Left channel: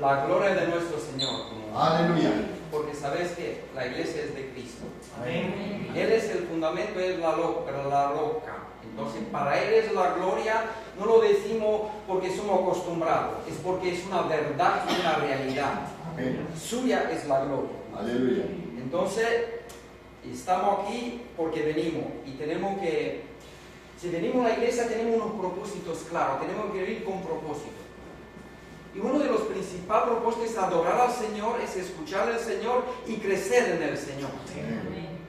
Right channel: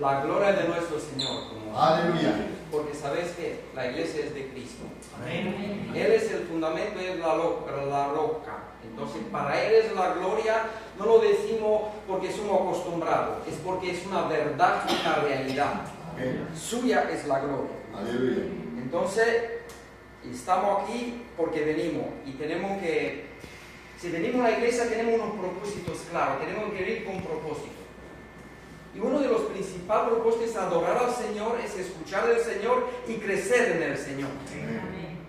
la gloria de nuestro Señor. Aleluya. Porque sabes que la iglesia es de Cristo. Amén. Él es el fundamento, es la roca. Entonces, para Él es la gloria. No lo decimos porque somos acostumbrados, es porque es una verdad, una realidad. Amén. Suya es la gloria. Aleluya. Entonces, estamos aquí porque venimos y tenemos que, si venimos a la iglesia tenemos unos propósitos claros, tenemos que vivir con propósito. Y uno de los principales propósitos es adorar al Señor, es escuchar al Señor y crecer en el Señor. Amén.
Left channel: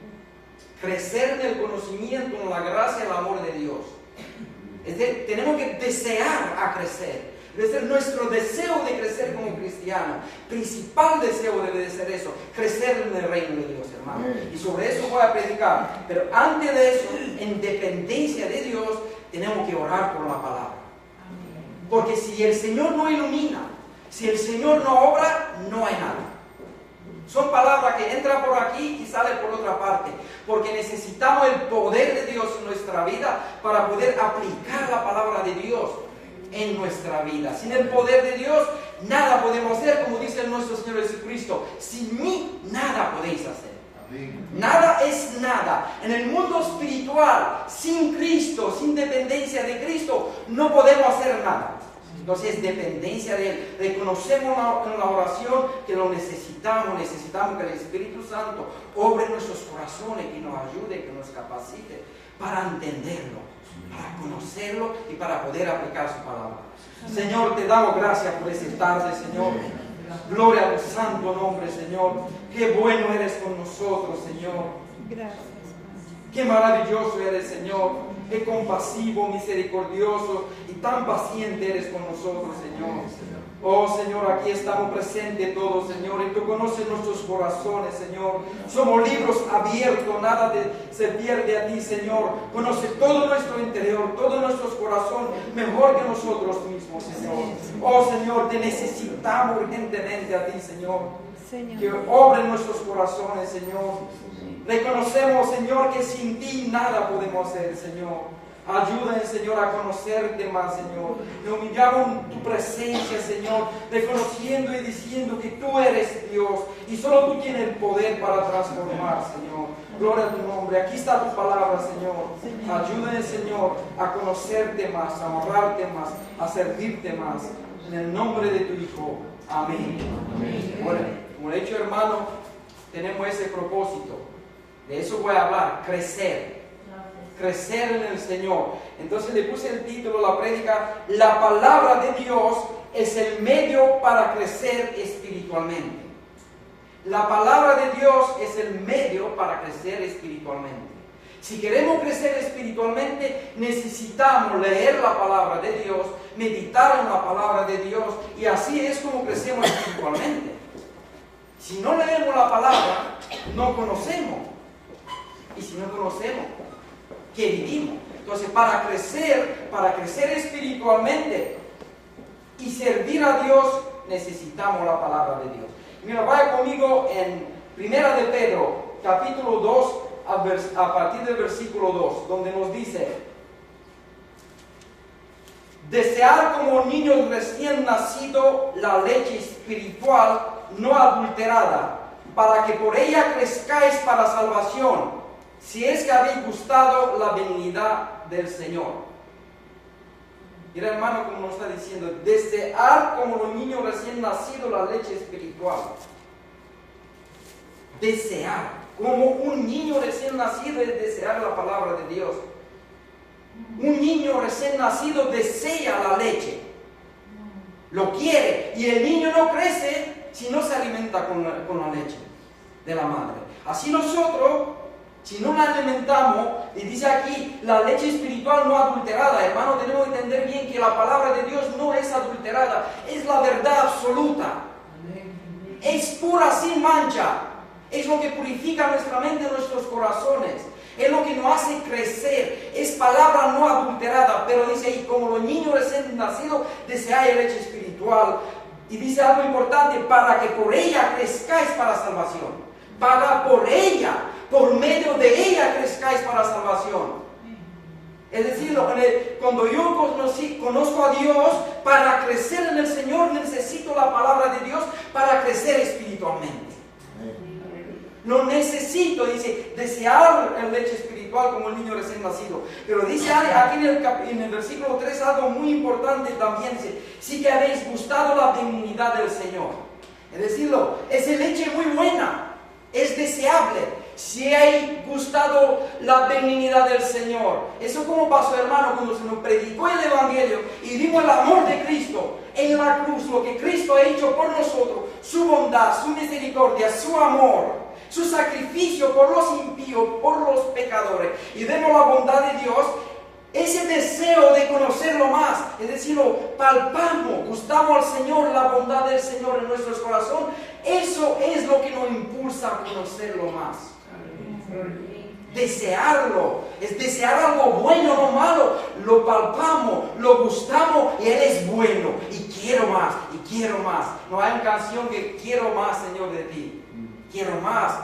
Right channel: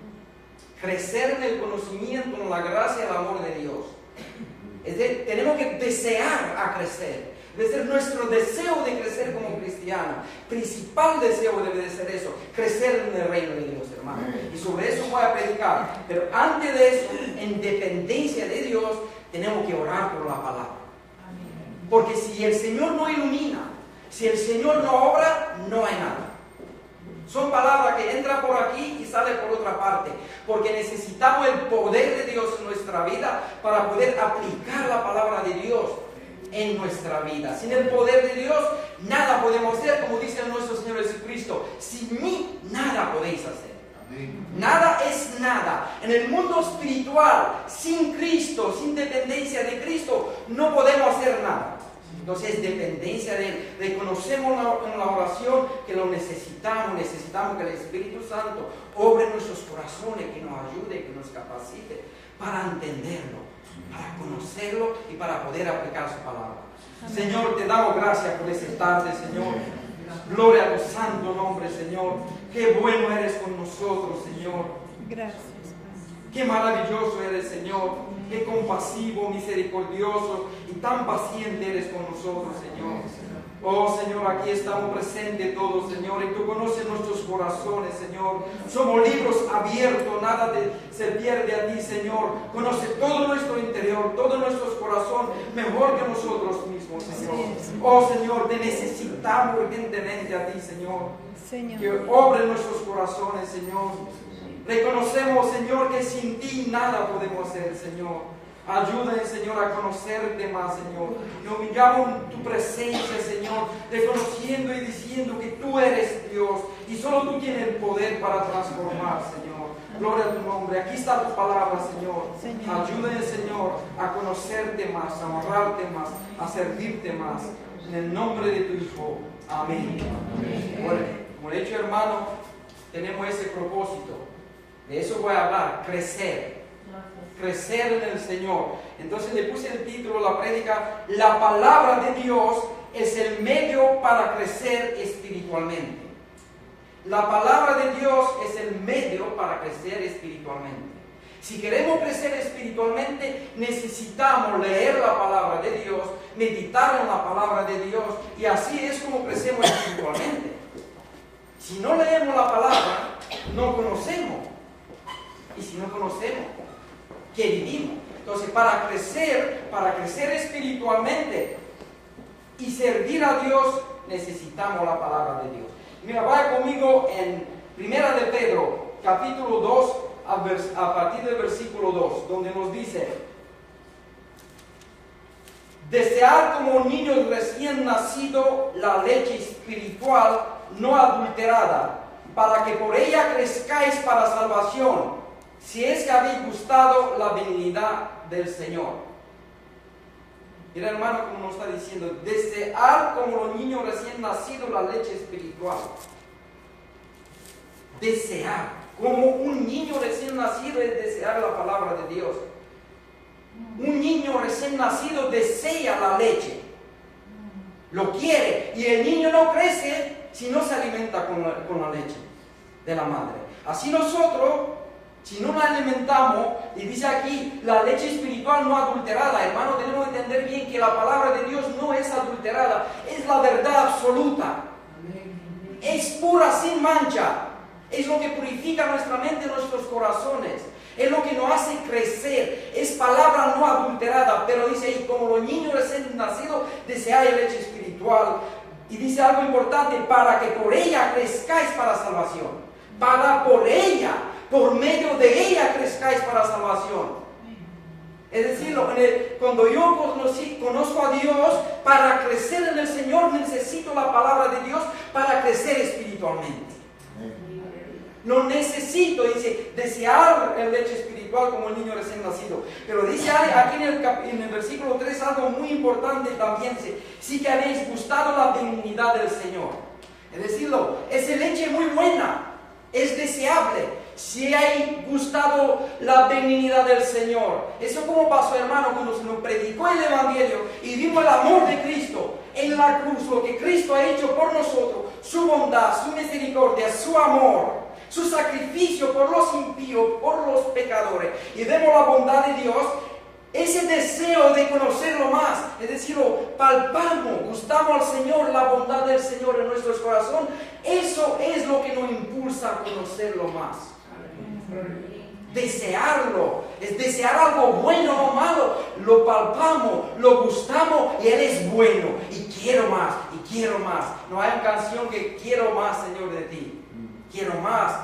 Crecer en el conocimiento, en la gracia y el amor de Dios. Es decir, tenemos que desear a crecer. Debe ser nuestro deseo de crecer como cristiano. Principal deseo debe de ser eso, crecer en el reino de Dios, hermano. Y sobre eso voy a predicar. Pero antes de eso, en dependencia de Dios, tenemos que orar por la palabra. Porque si el Señor no ilumina, si el Señor no obra, no hay nada. Son palabras que entran por aquí y salen por otra parte. Porque necesitamos el poder de Dios en nuestra vida para poder aplicar la palabra de Dios en nuestra vida. Sin el poder de Dios, nada podemos hacer, como dice nuestro Señor Jesucristo. Sin mí, nada podéis hacer. Nada es nada. En el mundo espiritual, sin Cristo, sin dependencia de Cristo, no podemos hacer nada. Entonces es dependencia de Él. Reconocemos en la oración que lo necesitamos que el Espíritu Santo obre en nuestros corazones, que nos ayude, que nos capacite para entenderlo, para conocerlo y para poder aplicar su palabra. Señor, te damos gracias por esta tarde, Señor. Gloria a tu santo nombre, Señor. Qué bueno eres con nosotros, Señor. Gracias. Qué maravilloso eres, Señor. Qué compasivo, misericordioso y tan paciente eres con nosotros, Señor. Oh, Señor, aquí estamos presentes todos, Señor, y tú conoces nuestros corazones, Señor. Somos libros abiertos, nada se pierde a ti, Señor. Conoce todo nuestro interior, todo nuestro corazón, mejor que nosotros mismos, Señor. Oh, Señor, te necesitamos urgentemente a ti, Señor. Que obre en nuestros corazones, Señor. Reconocemos, Señor, que sin ti nada podemos hacer, Señor. Ayúdanos, Señor, a conocerte más, Señor. Y humillamos en tu presencia, Señor, reconociendo y diciendo que tú eres Dios y solo tú tienes el poder para transformar, Señor. Gloria a tu nombre. Aquí está tu palabra, Señor. Ayúdanos, Señor, a conocerte más, a honrarte más, a servirte más. En el nombre de tu Hijo. Amén. Bueno, como he dicho, hermano, tenemos ese propósito. De eso voy a hablar, crecer. Crecer en el Señor. Entonces le puse el título, la prédica, la palabra de Dios es el medio para crecer espiritualmente. La palabra de Dios es el medio para crecer espiritualmente. Si queremos crecer espiritualmente, necesitamos leer la palabra de Dios, meditar en la palabra de Dios, y así es como crecemos espiritualmente. Si no leemos la palabra, no conocemos. Y si no conocemos, ¿qué vivimos? Entonces, para crecer espiritualmente y servir a Dios, necesitamos la palabra de Dios. Mira, vaya conmigo en 1 de Pedro, capítulo 2, a partir del versículo 2, donde nos dice: desear como niños recién nacidos la leche espiritual no adulterada, para que por ella crezcáis para salvación, si es que habéis gustado la benignidad del Señor. Mira, hermano, como nos está diciendo, desear como los niños recién nacidos la leche espiritual. Desear, como un niño recién nacido es desear la palabra de Dios. Un niño recién nacido desea la leche, lo quiere, y el niño no crece si no se alimenta con la leche de la madre. Así nosotros, si no la alimentamos, y dice aquí, la leche espiritual no adulterada, hermano, tenemos que entender bien que la palabra de Dios no es adulterada, es la verdad absoluta. Es pura, sin mancha. Es lo que purifica nuestra mente y nuestros corazones. Es lo que nos hace crecer. Es palabra no adulterada, pero dice ahí, como los niños recién nacidos, deseáis leche espiritual. Y dice algo importante, para que por ella crezcáis para salvación. Para por ella, por medio de ella crezcáis para salvación. Es decir, cuando yo conozco a Dios, para crecer en el Señor necesito la palabra de Dios para crecer espiritualmente. No necesito, dice, desear el leche espiritual como el niño recién nacido. Pero dice aquí en el versículo 3 algo muy importante también. Dice, sí que habéis gustado la benignidad del Señor. Es decirlo, es leche muy buena, es deseable. Si hay gustado la benignidad del Señor. Eso como pasó, hermano, cuando se nos predicó el Evangelio y vimos el amor de Cristo en la cruz, lo que Cristo ha hecho por nosotros, su bondad, su misericordia, su amor, su sacrificio por los impíos, por los pecadores, y vemos la bondad de Dios. Ese deseo de conocerlo más, es decir, lo palpamos, gustamos al Señor, la bondad del Señor en nuestros corazones. Eso es lo que nos impulsa a conocerlo más. Desearlo, es desear algo bueno o malo. Lo palpamos, lo gustamos y Él es bueno. Y quiero más, y quiero más. No hay una canción que quiero más, Señor, de ti. Quiero más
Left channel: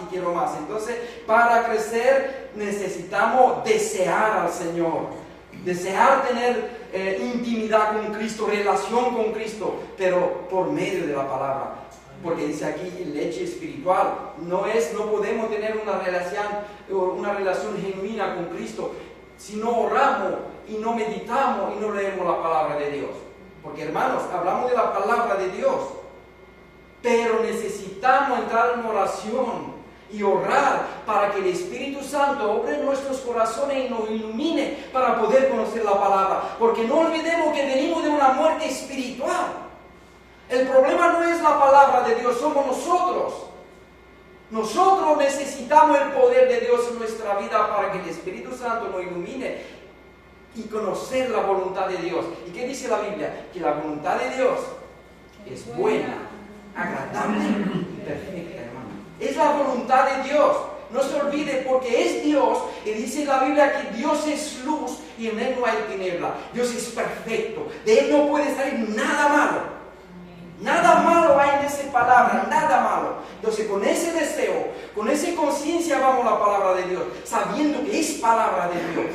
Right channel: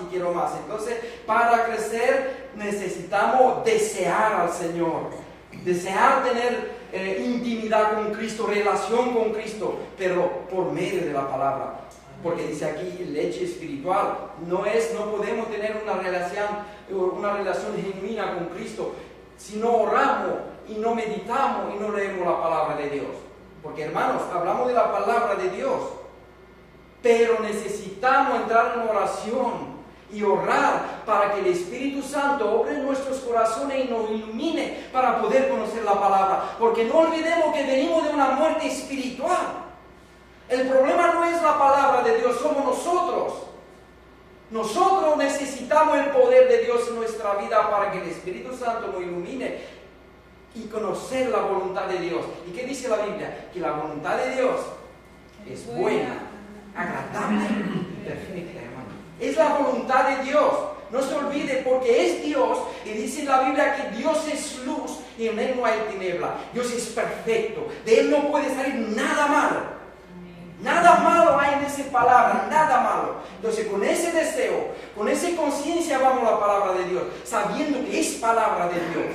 y quiero más. Entonces, para crecer necesitamos desear al Señor. Desear tener intimidad con Cristo, relación con Cristo, pero por medio de la palabra. Porque dice aquí leche espiritual. No podemos tener una relación genuina con Cristo si no oramos y no meditamos y no leemos la palabra de Dios. Porque, hermanos, hablamos de la palabra de Dios, pero necesitamos entrar en oración y orar para que el Espíritu Santo obre en nuestros corazones y nos ilumine para poder conocer la palabra. Porque no olvidemos que venimos de una muerte espiritual. El problema no es la palabra de Dios, somos nosotros. Nosotros necesitamos el poder de Dios en nuestra vida para que el Espíritu Santo nos ilumine y conocer la voluntad de Dios. ¿Y qué dice la Biblia? Que la voluntad de Dios es buena, agradable y perfecta, hermano. Es la voluntad de Dios. No se olvide, porque es Dios, y dice la Biblia que Dios es luz y en Él no hay tiniebla. Dios es perfecto, de Él no puede salir nada malo. Nada malo hay en esa palabra, nada malo. Entonces, con ese deseo, con esa conciencia vamos a la palabra de Dios, sabiendo que es palabra de Dios,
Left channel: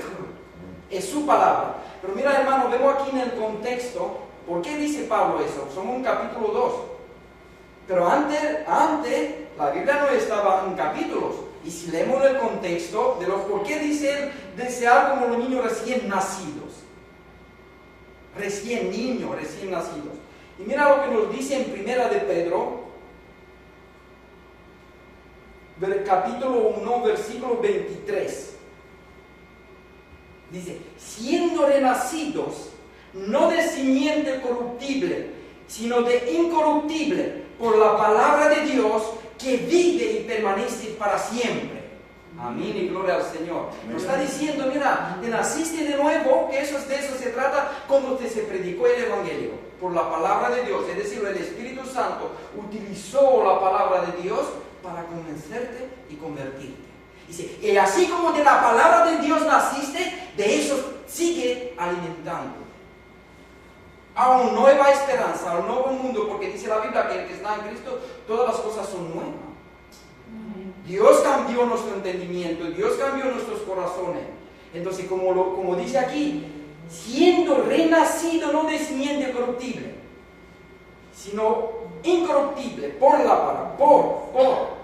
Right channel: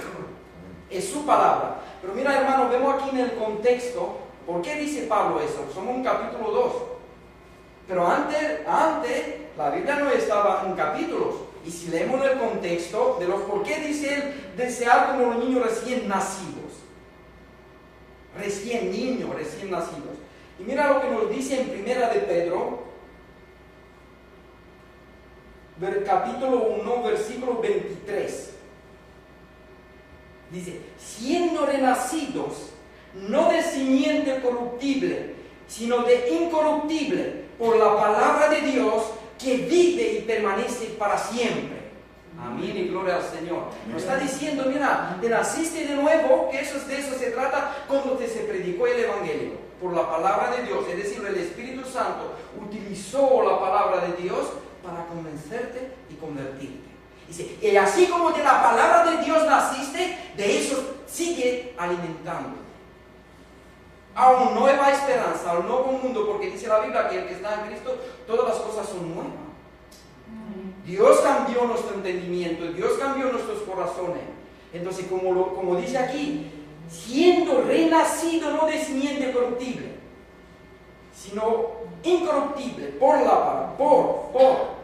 es su palabra. Pero mira, hermano, vemos aquí en el contexto, ¿por qué dice Pablo eso? Somos en capítulo 2. Pero antes, la Biblia no estaba en capítulos. Y si leemos el contexto de los por qué dice él desear como los niños recién nacidos. Recién nacidos. Y mira lo que nos dice en Primera de Pedro, capítulo 1, versículo 23. Dice, siendo renacidos, no de simiente corruptible, sino de incorruptible, por la palabra de Dios, que vive y permanece para siempre. Amén y gloria al Señor. Nos está diciendo, mira, te naciste de nuevo, que de eso se trata cuando se predicó el Evangelio, por la palabra de Dios. Es decir, el Espíritu Santo utilizó la palabra de Dios para convencerte y convertirte. Dice, y así como de la palabra de Dios naciste, de eso sigue alimentando a una nueva esperanza, a un nuevo mundo, porque dice la Biblia que el que está en Cristo, todas las cosas son nuevas. Dios cambió nuestro entendimiento, Dios cambió nuestros corazones. Entonces, como dice aquí, siendo renacido no de simiente corruptible, sino incorruptible por la palabra, por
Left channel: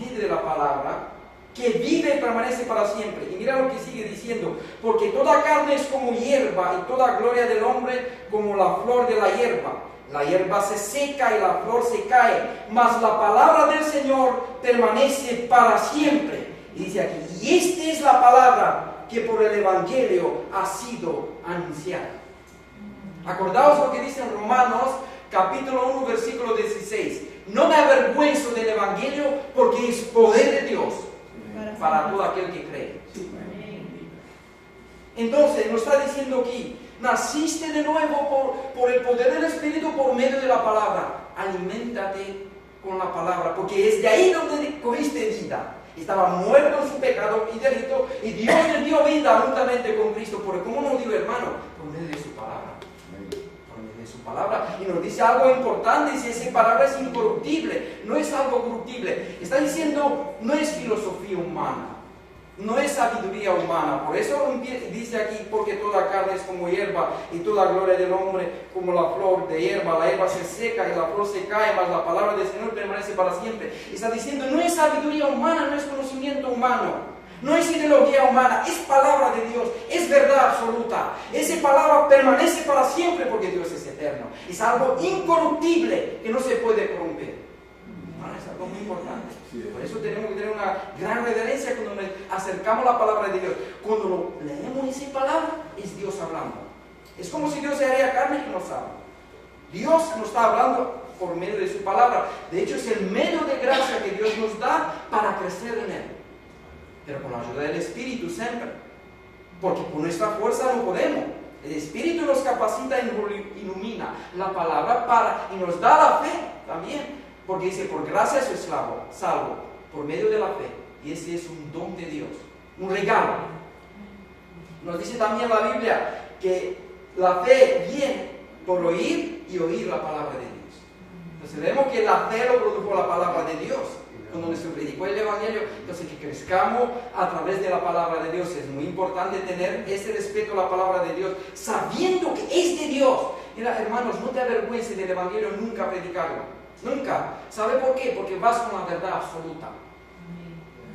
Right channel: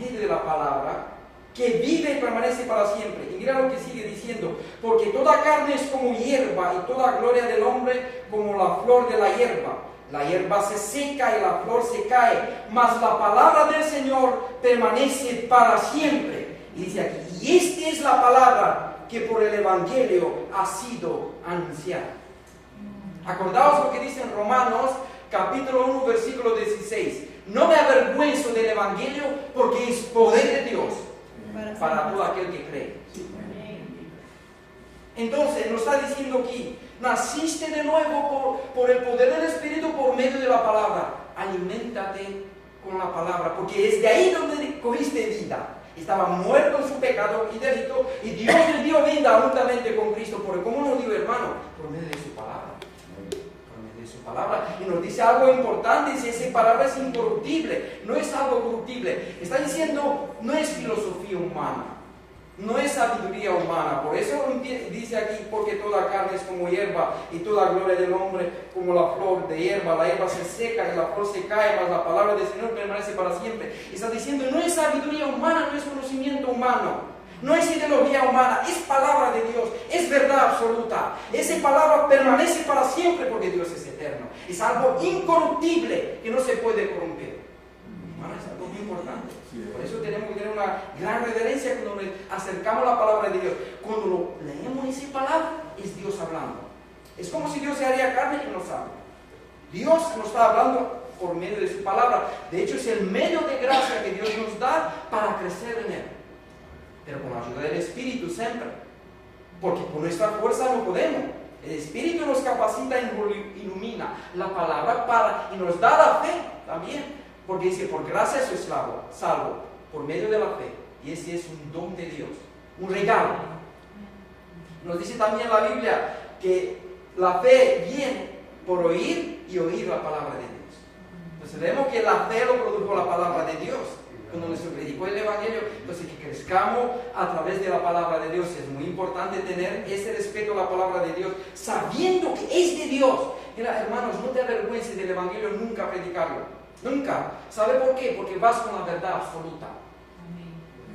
medio de la palabra, que vive y permanece para siempre. Y mira lo que sigue diciendo, porque toda carne es como hierba y toda gloria del hombre como la flor de la hierba. La hierba se seca y la flor se cae, mas la palabra del Señor permanece para siempre. Y dice aquí, y esta es la palabra que por el Evangelio ha sido anunciada. Acordaos lo que dice en Romanos, capítulo 1, versículo 16. No me avergüenzo del Evangelio porque es poder de Dios para todo aquel que cree. Entonces nos está diciendo aquí, naciste de nuevo por el poder del Espíritu por medio de la palabra. Aliméntate con la palabra, porque es de ahí donde cogiste vida. Estaba muerto en su pecado y delito, y Dios le dio vida juntamente con Cristo. ¿Por cómo nos dio, hermano? Por medio de su palabra. Por medio de su palabra. Y nos dice algo importante, dice, esa palabra es incorruptible, no es algo corruptible. Está diciendo, no es filosofía humana. no es sabiduría humana. Por eso dice aquí, porque toda carne es como hierba y toda gloria del hombre como la flor de hierba. La hierba se seca y la flor se cae, mas la palabra del Señor permanece para siempre. Está diciendo, no es sabiduría humana, no es conocimiento humano. No es ideología humana, es palabra de Dios, es verdad absoluta. Esa palabra permanece para siempre porque Dios es eterno. Es algo incorruptible que no se puede corromper. Hermano, es algo muy importante. Por eso tenemos que tener una gran reverencia cuando nos acercamos a la palabra de Dios. Cuando leemos esa palabra, es Dios hablando. Es como si Dios se haría carne y nos habla. Dios nos está hablando por medio de su palabra. De hecho, es el medio de gracia que Dios nos da para crecer en Él. Pero con la ayuda del Espíritu siempre, porque por nuestra fuerza no podemos. El Espíritu nos capacita y ilumina la palabra y nos da la fe también, porque dice, por gracia soy salvo, por medio de la fe, y ese es un don de Dios, un regalo. Nos dice también la Biblia que la fe viene por oír y oír la palabra de Dios. Entonces vemos que la fe lo produjo la palabra de Dios. Cuando nos predicó el Evangelio, entonces que crezcamos a través de la palabra de Dios. Es muy importante tener ese respeto a la palabra de Dios, sabiendo que es de Dios. Mira, hermanos, no te avergüences del Evangelio nunca predicarlo. Nunca. ¿Sabe por qué? Porque vas con la verdad absoluta.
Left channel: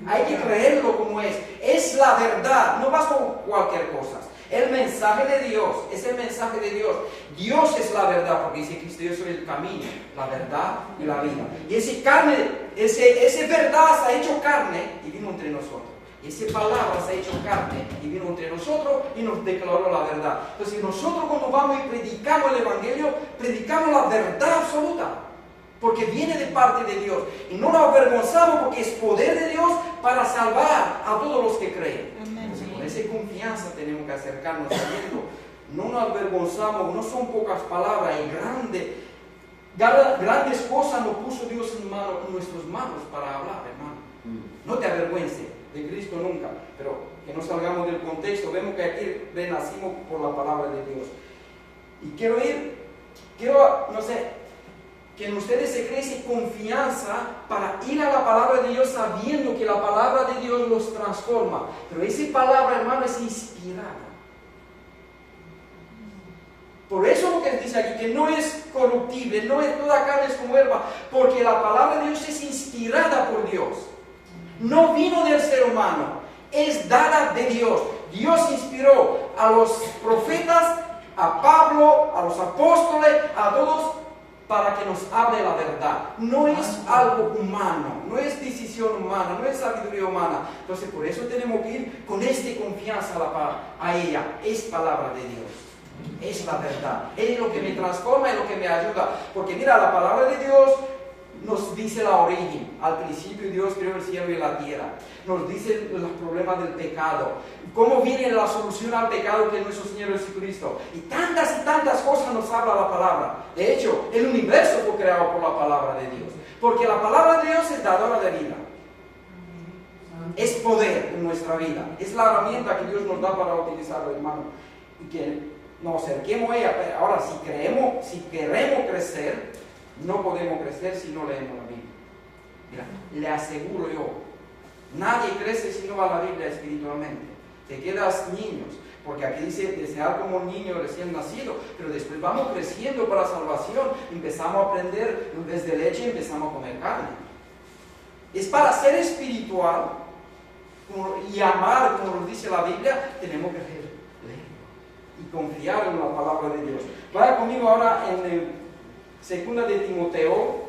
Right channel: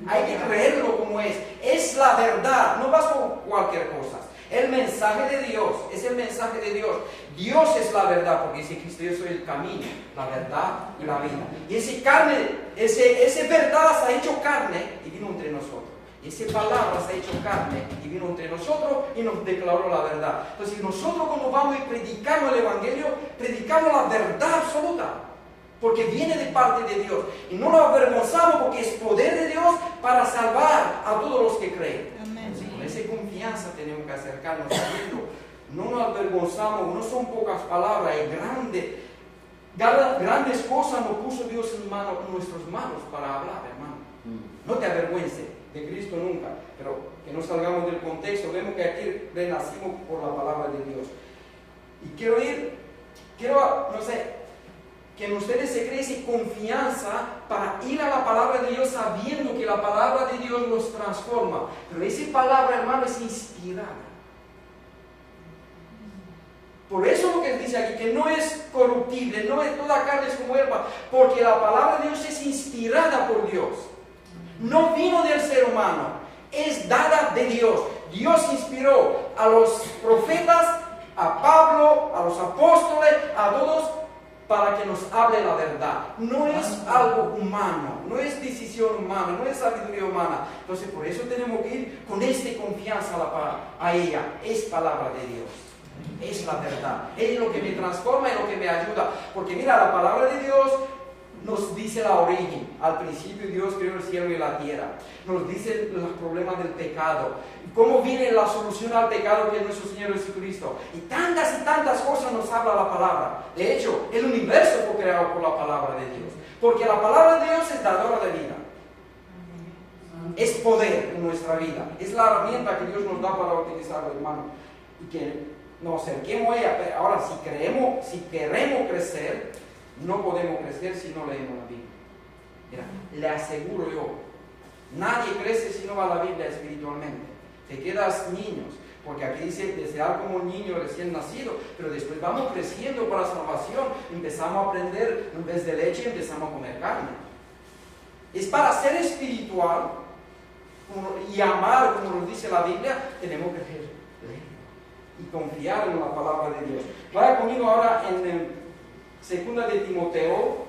Hay que creerlo como es. Es la verdad, no vas con cualquier cosa. El mensaje de Dios es el mensaje de Dios. Dios es la verdad, porque dice Cristo, yo soy el camino, la verdad y la vida. Y ese verdad se ha hecho carne y vino entre nosotros. Y esa palabra se ha hecho carne y vino entre nosotros y nos declaró la verdad. Entonces nosotros cuando vamos y predicamos el Evangelio, predicamos la verdad absoluta. Porque viene de parte de Dios. Y no lo avergonzamos porque es poder de Dios para salvar a todos los que creen. Con esa confianza tenemos que acercarnos sabiendo, no nos avergonzamos, no son pocas palabras, es grandes cosas nos puso Dios en nuestras manos para hablar, hermano. No te avergüences de Cristo nunca, pero que no salgamos del contexto. Vemos que aquí renacimos por la palabra de Dios. Y quiero, no sé, que en ustedes se cree esa confianza para ir a la palabra de Dios sabiendo que la palabra de Dios los transforma. Pero esa palabra, hermano, es inspirada. Por eso lo que dice aquí, que no es corruptible, no es toda carne es como hierba, porque la palabra de Dios es inspirada por Dios. No vino del ser humano, es dada de Dios. Dios inspiró a los profetas, a Pablo, a los apóstoles, a todos, para que nos hable la verdad. No es algo humano, no es decisión humana, no es sabiduría humana. Entonces por eso tenemos que ir con esta confianza a ella. Es palabra de Dios, es la verdad, es lo que me transforma, es lo que me ayuda. Porque mira, la palabra de Dios nos dice la origen. Al principio Dios creó el cielo y la tierra. Nos dice los problemas del pecado, cómo viene la solución al pecado que es nuestro Señor Jesucristo. Y tantas cosas nos habla la palabra. De hecho, el universo fue creado por la palabra de Dios. Porque la palabra de Dios es dadora de vida. Es poder en nuestra vida. Es la herramienta que Dios nos da para utilizarlo, hermano. Y que nos acerquemos a ella. Pero ahora, si queremos crecer, no podemos crecer si no leemos la Biblia. Mira, le aseguro yo, nadie crece si no va a la Biblia espiritualmente. Te quedas niños, porque aquí dice desear como un niño recién nacido, pero después vamos creciendo para salvación, empezamos a aprender, en vez de leche empezamos a comer carne. Es para ser espiritual y amar, como nos dice la Biblia, tenemos que leer y confiar en la palabra de Dios. Vaya conmigo ahora en el 2 de Timoteo,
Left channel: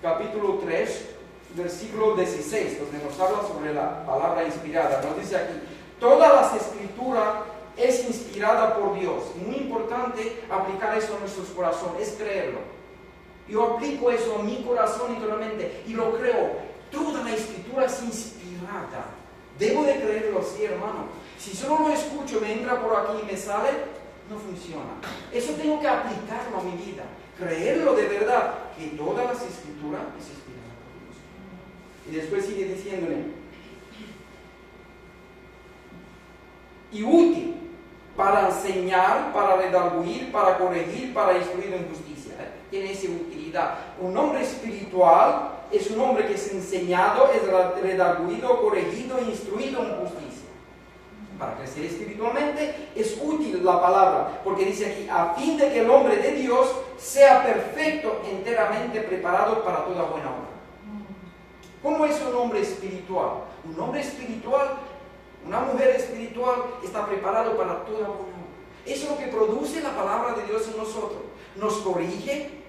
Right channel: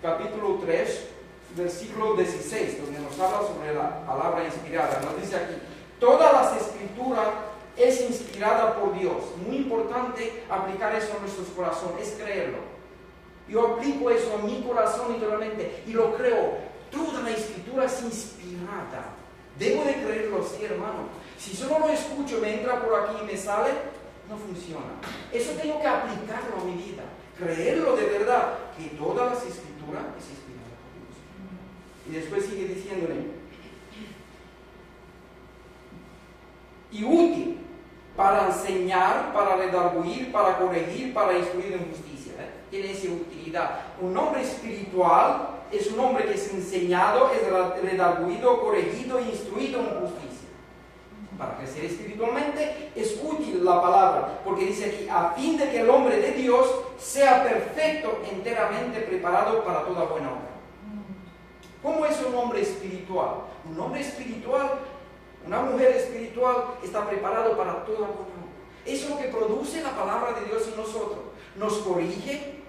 capítulo 3, versículo 16, donde nos habla sobre la palabra inspirada. Nos dice aquí, todas las escrituras es inspirada por Dios. Muy importante aplicar eso a nuestros corazones, es creerlo. Yo aplico eso a mi corazón interiormente y lo creo. Toda la escritura es inspirada. Debo de creerlo así, hermano. Si solo lo escucho, me entra por aquí y me sale, no funciona. Eso tengo que aplicarlo a mi vida. Creerlo de verdad, que todas las escrituras es inspirada por Dios. Y después sigue diciéndole, y útil para enseñar, para redarguir, para corregir, para instruir en justicia. Tiene esa utilidad. Un hombre espiritual es un hombre que es enseñado, es redarguido, corregido e instruido en justicia. Para crecer espiritualmente es útil la palabra, porque dice aquí, a fin de que el hombre de Dios sea perfecto, enteramente preparado para toda buena obra. ¿Cómo es un hombre espiritual? Un hombre espiritual, una mujer espiritual está preparado para toda buena obra. Eso es lo que produce la palabra de Dios en nosotros. Nos corrige,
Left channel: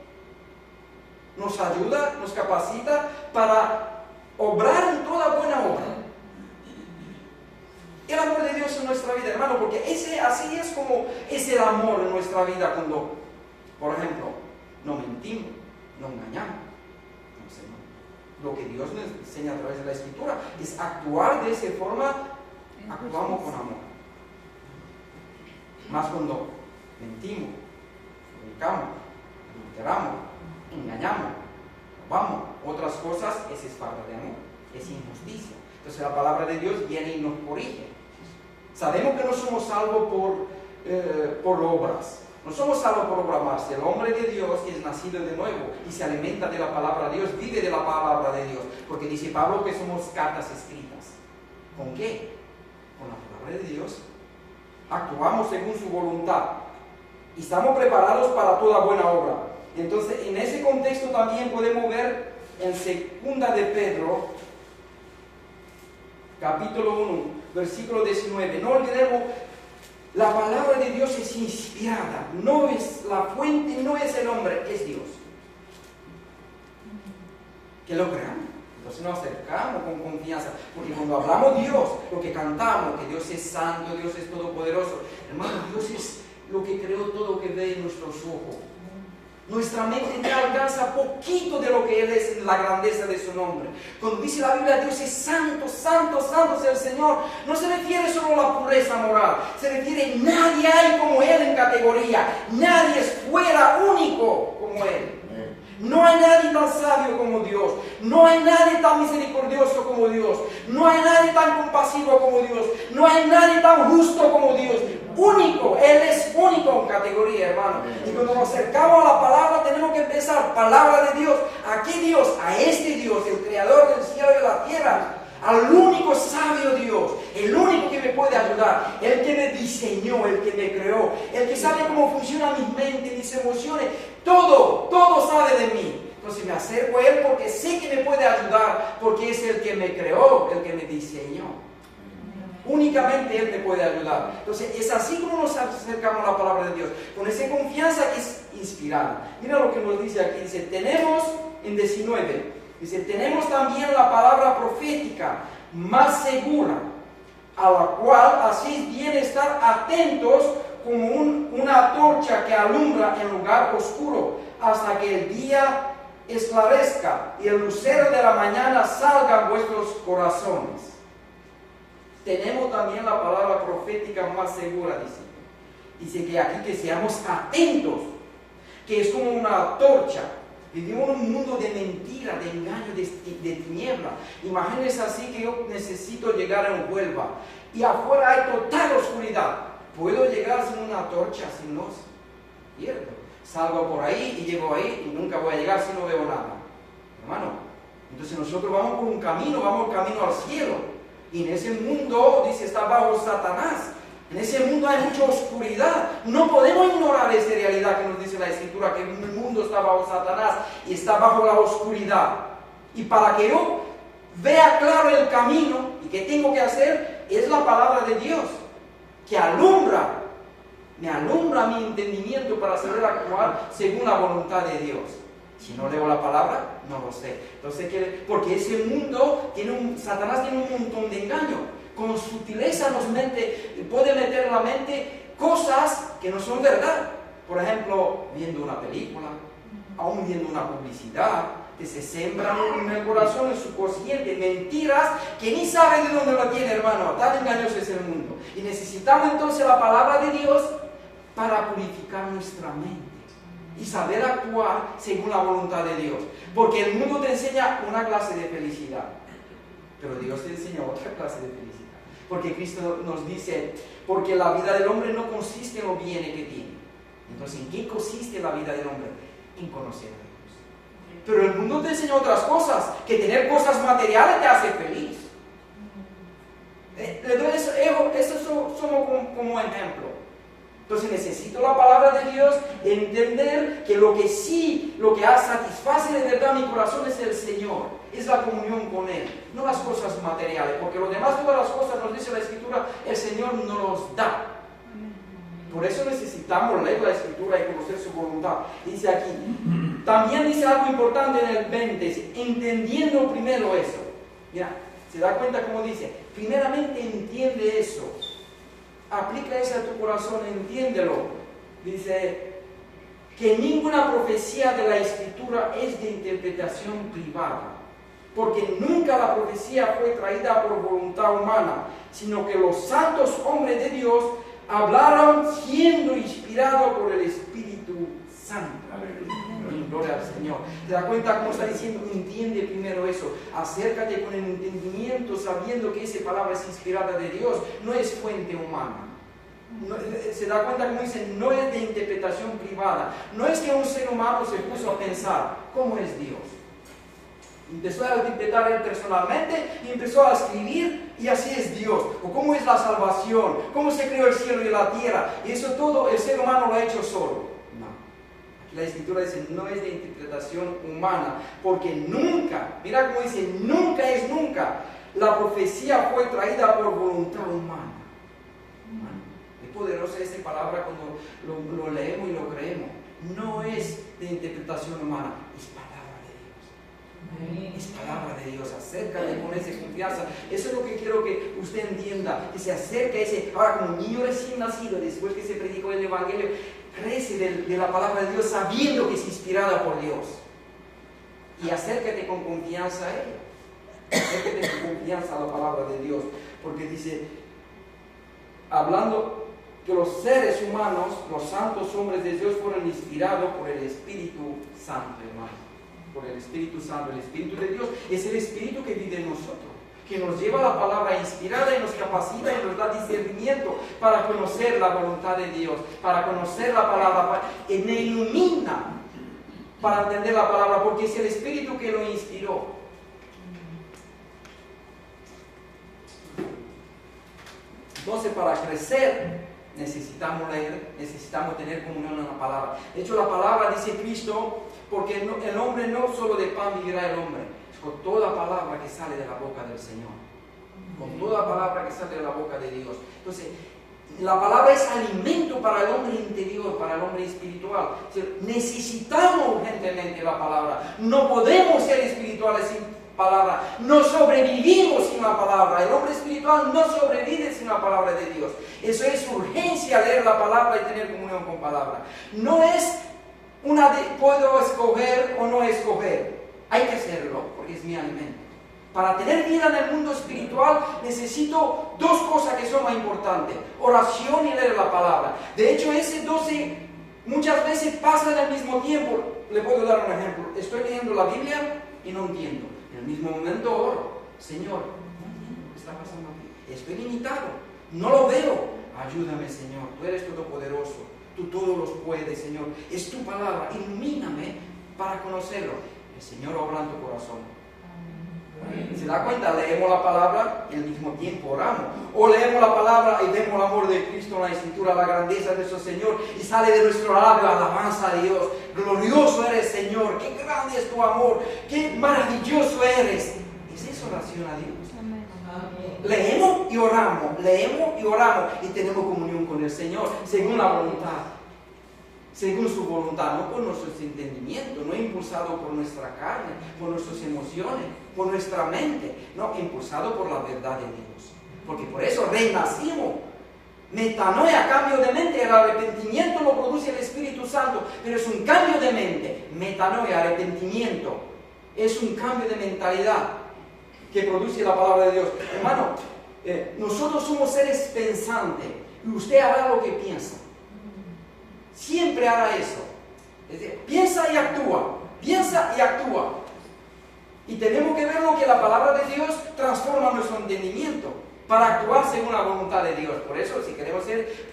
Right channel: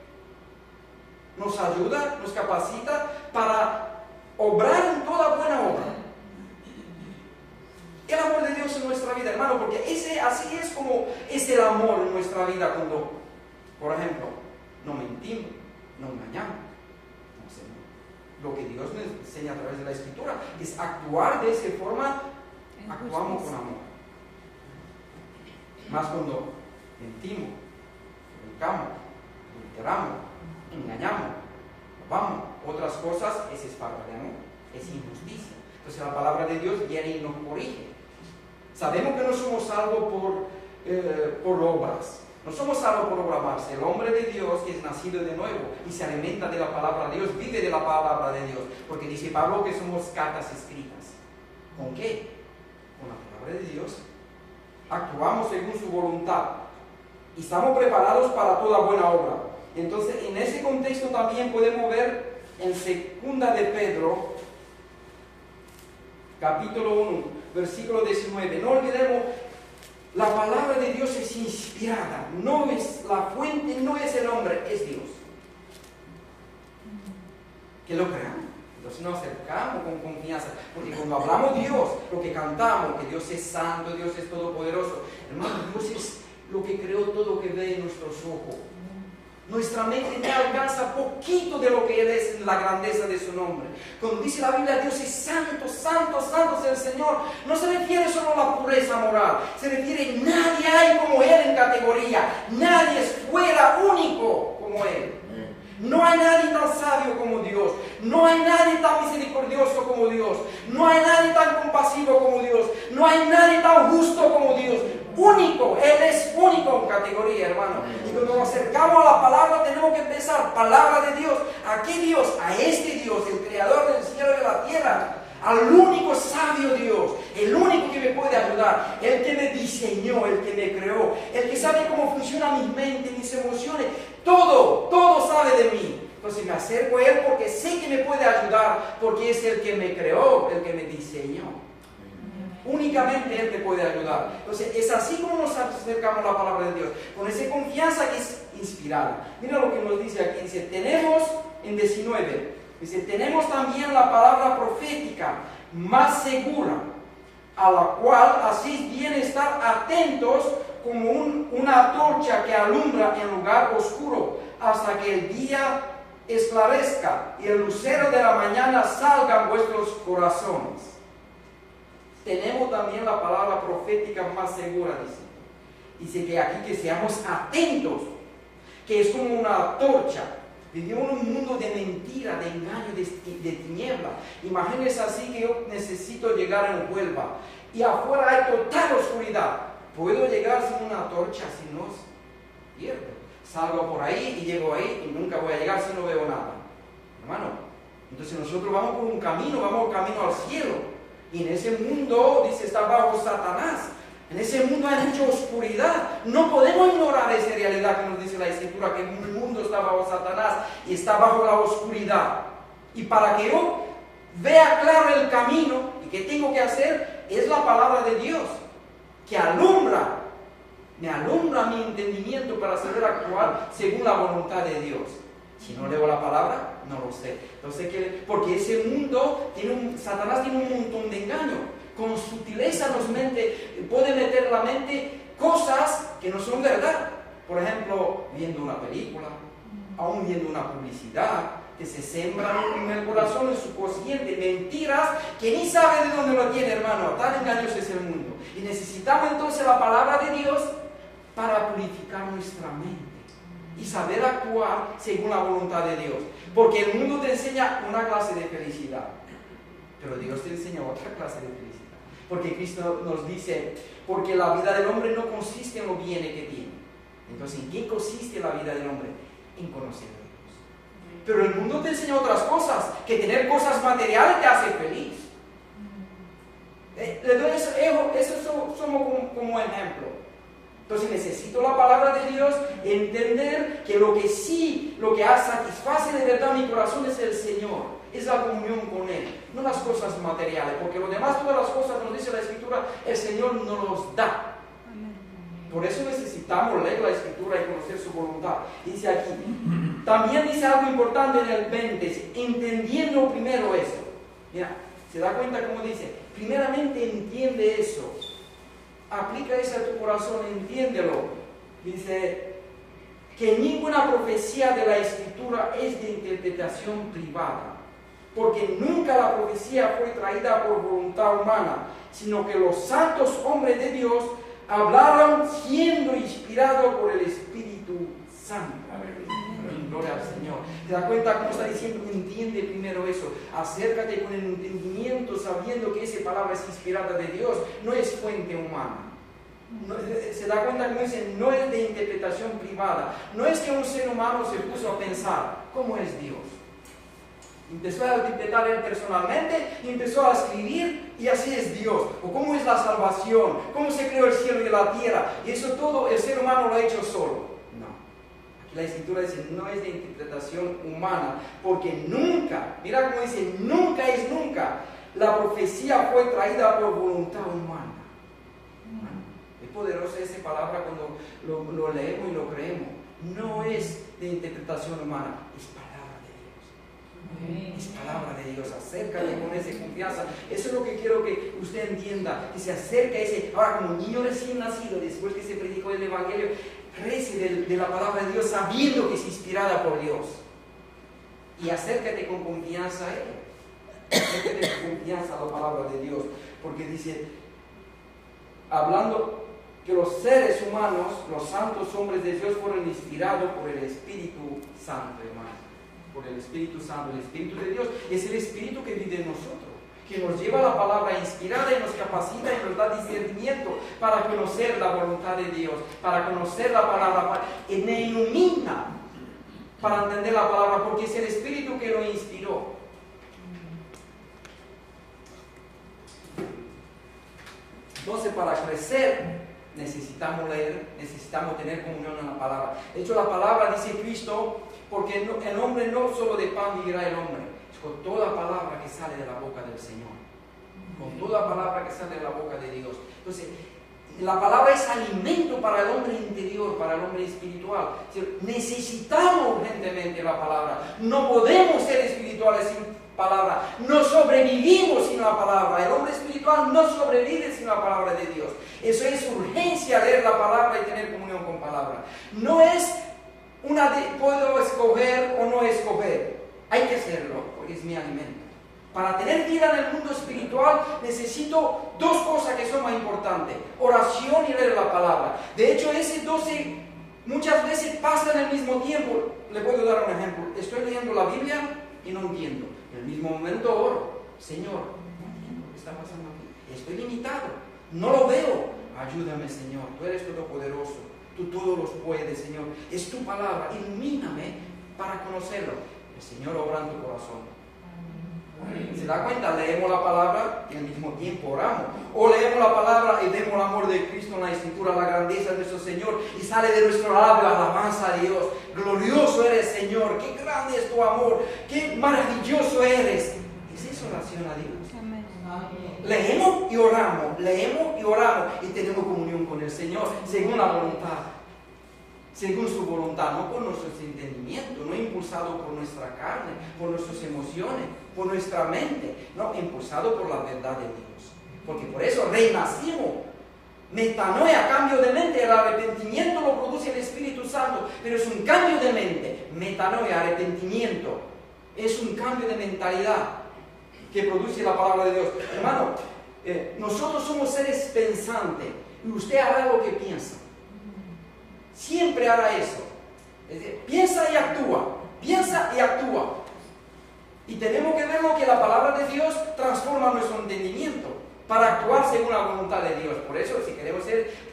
nos ayuda, nos capacita para obrar en toda buena obra. El amor de Dios en nuestra vida, hermano, porque así es como es el amor en nuestra vida cuando, por ejemplo, no mentimos, no engañamos. Lo que Dios nos enseña a través de la Escritura es actuar de esa forma, actuamos con amor. Más cuando mentimos, pecamos, adulteramos, engañamos, robamos, otras cosas, esa es falta de amor, es injusticia. Entonces la palabra de Dios viene y nos corrige. Sabemos que no somos salvos por obras. No somos salvos por obras más. El hombre de Dios que es nacido de nuevo y se alimenta de la palabra de Dios, vive de la palabra de Dios. Porque dice Pablo que somos cartas escritas. ¿Con qué? Con la palabra de Dios. Actuamos según su voluntad. Y estamos preparados para toda buena obra. Entonces, en ese contexto también podemos ver en 2 de Pedro, capítulo 1, versículo 19. No olvidemos, la palabra de Dios es inspirada. No es la fuente, no es el hombre, es Dios. Que lo creamos. Entonces nos acercamos con confianza. Porque cuando hablamos de Dios, lo que cantamos, que Dios es santo, Dios es todopoderoso. Hermano, Dios es lo que creó todo lo que ve en nuestros ojos. Nuestra mente no alcanza poquito de lo que Él es en la grandeza de su nombre. Cuando dice la Biblia, Dios es santo, santo, santo es el Señor, no se refiere solo a la pureza moral, se refiere, nadie hay como Él en categoría, nadie es fuera único como Él. No hay nadie tan sabio como Dios, no hay nadie tan misericordioso como Dios, no hay nadie tan compasivo como Dios, no hay nadie tan justo como Dios. Único, Él es único en categoría, hermano. Y cuando nos acercamos a la palabra, tenemos que empezar, palabra de Dios. ¿A qué Dios? A este Dios, el creador del cielo y de la tierra. Al único sabio Dios, el único que me puede ayudar, el que me diseñó, el que me creó, el que sabe cómo funciona mi mente, mis emociones, todo sabe de mí. Entonces me acerco a Él porque sé que me puede ayudar, porque es el que me creó, el que me diseñó. Únicamente Él me puede ayudar. Entonces es así como nos acercamos a la palabra de Dios, con esa confianza que es inspirada. Mira lo que nos dice aquí, dice, tenemos en 19, dice, tenemos también la palabra profética más segura, a la cual hacéis bien estar atentos como una antorcha que alumbra en lugar oscuro, hasta que el día esclarezca y el lucero de la mañana salga en vuestros corazones. Tenemos también la palabra profética más segura, dice. Dice que aquí que seamos atentos, que es como una antorcha. Vivimos en un mundo de mentira, de engaño, de tiniebla. Imagínense así que yo necesito llegar en Huelva y afuera hay total oscuridad. ¿Puedo llegar sin una antorcha? Si no, pierdo. Salgo por ahí y llego ahí y nunca voy a llegar si no veo nada. Hermano, entonces nosotros vamos por un camino, vamos camino al cielo. Y en ese mundo, dice, está bajo Satanás. En ese mundo hay mucha oscuridad. No podemos ignorar esa realidad que nos dice la Escritura, que el mundo está bajo Satanás y está bajo la oscuridad. Y para que yo vea claro el camino, ¿y qué tengo que hacer? Es la palabra de Dios, que me alumbra mi entendimiento para saber actuar según la voluntad de Dios. Si no leo la palabra, no lo sé. Entonces, porque ese mundo, Satanás tiene un montón de engaño. Con sutileza puede meter en la mente cosas que no son verdad. Por ejemplo, viendo una película, aún viendo una publicidad, que se sembran en el corazón, en su consciente, mentiras que ni sabe de dónde lo tiene, hermano. Tan engañoso es el mundo. Y necesitamos entonces la palabra de Dios para purificar nuestra mente y saber actuar según la voluntad de Dios. Porque el mundo te enseña una clase de felicidad, pero Dios te enseña otra clase de felicidad. Porque Cristo nos dice, porque la vida del hombre no consiste en los bienes que tiene. Entonces, ¿en qué consiste la vida del hombre? En conocer a Dios. Pero el mundo te enseña otras cosas, que tener cosas materiales te hace feliz. Le doy eso somos como ejemplo. Entonces necesito la palabra de Dios, entender que lo que satisface de verdad mi corazón es el Señor, es la comunión con Él, no las cosas materiales, porque lo demás, todas las cosas, nos dice la Escritura, el Señor nos los da. Por eso necesitamos leer la Escritura y conocer su voluntad. Dice aquí, también dice algo importante en el 20, dice, entendiendo primero eso. Mira, ¿se da cuenta cómo dice? Primeramente entiende eso. Aplica eso a tu corazón, entiéndelo. Dice que ninguna profecía de la Escritura es de interpretación privada, porque nunca la profecía fue traída por voluntad humana, sino que los santos hombres de Dios hablaron siendo inspirados por el Espíritu Santo. Gloria al Señor. ¿Te das cuenta cómo está diciendo? Entiende primero eso. Acércate con el entendimiento, sabiendo que esa palabra es inspirada de Dios, no es fuente humana. Se da cuenta cómo dice, no es de interpretación privada. No es que un ser humano se puso a pensar, ¿cómo es Dios? Empezó a interpretar él personalmente y empezó a escribir, y así es Dios. O cómo es la salvación, cómo se creó el cielo y la tierra. Y eso todo el ser humano lo ha hecho solo. La Escritura dice, no es de interpretación humana, porque nunca, mira cómo dice, nunca es nunca, la profecía fue traída por voluntad humana. Es poderosa esa palabra cuando lo leemos y lo creemos. No es de interpretación humana, es palabra de Dios. Es palabra de Dios. Acércate con esa confianza. Eso es lo que quiero que usted entienda, que se acerque a ese, ahora como niño recién nacido, después que se predicó el Evangelio, crece de la palabra de Dios sabiendo que es inspirada por Dios. Y acércate con confianza a Él. Acércate con confianza a la palabra de Dios. Porque dice, hablando que los seres humanos, los santos hombres de Dios, fueron inspirados por el Espíritu Santo, hermano. Por el Espíritu Santo. El Espíritu de Dios es el Espíritu que vive en nosotros, que nos lleva la palabra inspirada y nos capacita y nos da discernimiento para conocer la voluntad de Dios, para conocer la palabra, y me ilumina para entender la palabra, porque es el Espíritu que lo inspiró. Entonces, para crecer necesitamos leer, necesitamos tener comunión en la palabra. De hecho, la palabra dice Cristo, porque el hombre no solo de pan vivirá el hombre, con toda palabra que sale de la boca del Señor, con toda palabra que sale de la boca de Dios. Entonces, la palabra es alimento para el hombre interior, para el hombre espiritual. Necesitamos urgentemente la palabra. No podemos ser espirituales sin palabra. No sobrevivimos sin la palabra. El hombre espiritual no sobrevive sin la palabra de Dios. Eso es urgencia, leer la palabra y tener comunión con palabra. No es puedo escoger o no escoger. Hay que hacerlo, porque es mi alimento. Para tener vida en el mundo espiritual necesito dos cosas que son más importantes: oración y leer la palabra. De hecho, ese 12 muchas veces pasan al mismo tiempo. Le puedo dar un ejemplo. Estoy leyendo la Biblia y no entiendo. En el mismo momento oro: Señor, no entiendo lo que está pasando aquí. Estoy limitado, no lo veo. Ayúdame, Señor. Tú eres todopoderoso. Tú todo lo puedes, Señor. Es tu palabra. Ilumíname para conocerlo. El Señor obra en tu corazón. ¿Se da cuenta? Leemos la palabra y al mismo tiempo oramos. O leemos la palabra y vemos el amor de Cristo en la Escritura, la grandeza de nuestro Señor, y sale de nuestro labio alabanza a Dios. Glorioso eres, Señor. Qué grande es tu amor. Qué maravilloso eres. ¿Es eso oración a Dios? Leemos y oramos. Leemos y oramos. Y tenemos comunión con el Señor según la voluntad. Según su voluntad, no por nuestros entendimientos, no impulsado por nuestra carne, por nuestras emociones, por nuestra mente, no, impulsado por la verdad de Dios. Porque por eso renacimos. Metanoia, cambio de mente. El arrepentimiento lo produce el Espíritu Santo, pero es un cambio de mente. Metanoia, arrepentimiento, es un cambio de mentalidad que produce la palabra de Dios. Hermano, nosotros somos seres pensantes y usted hará lo que piensa. Siempre hará eso. Es decir, piensa y actúa. Piensa y actúa. Y tenemos que ver lo que la palabra de Dios transforma nuestro entendimiento para actuar según la voluntad de Dios. Por eso, si queremos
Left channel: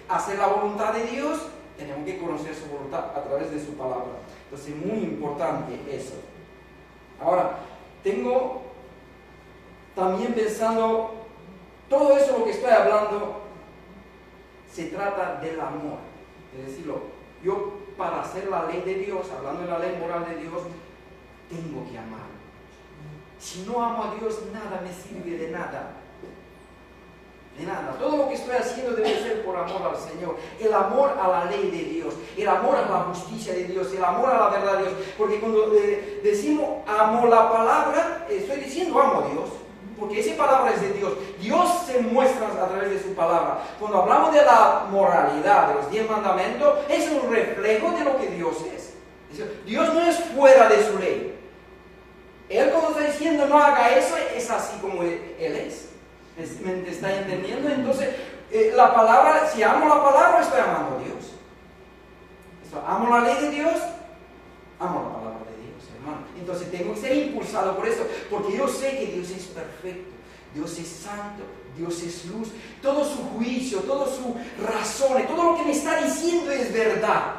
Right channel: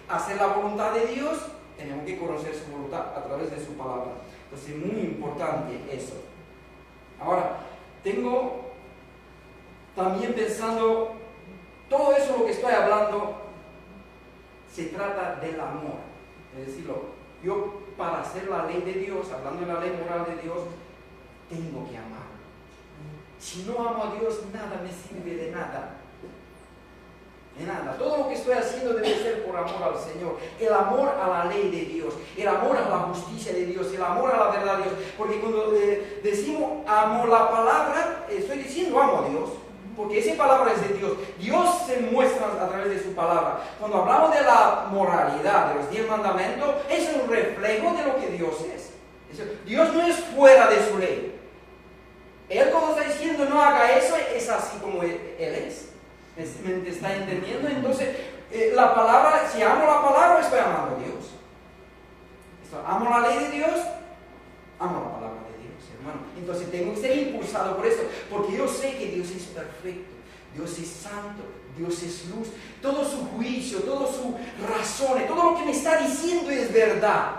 hacer la voluntad de Dios, tenemos que conocer su voluntad a través de su palabra. Entonces, es muy importante eso. Ahora, tengo también pensando todo eso lo que estoy hablando se trata del amor. Es decirlo, yo para hacer la ley de Dios, hablando de la ley moral de Dios, tengo que amar. Si no amo a Dios, nada me sirve de nada. De nada. Todo lo que estoy haciendo debe ser por amor al Señor. El amor a la ley de Dios, el amor a la justicia de Dios, el amor a la verdad de Dios. Porque cuando decimos amo la palabra, estoy diciendo amo a Dios. Porque esa palabra es de Dios. Dios se muestra a través de su palabra. Cuando hablamos de la moralidad, de los 10 mandamientos, es un reflejo de lo que Dios es. Dios no es fuera de su ley. Él cuando está diciendo no haga eso, es así como Él es. ¿Me está entendiendo? Entonces, la palabra, si amo la palabra, estoy amando a Dios. Amo la ley de Dios, amo la palabra de Dios, hermano. Entonces tengo que ser impulsado por eso, porque yo sé que Dios es perfecto, Dios es santo, Dios es luz. Todo su juicio, todas sus razones, todo lo que me está diciendo es verdad.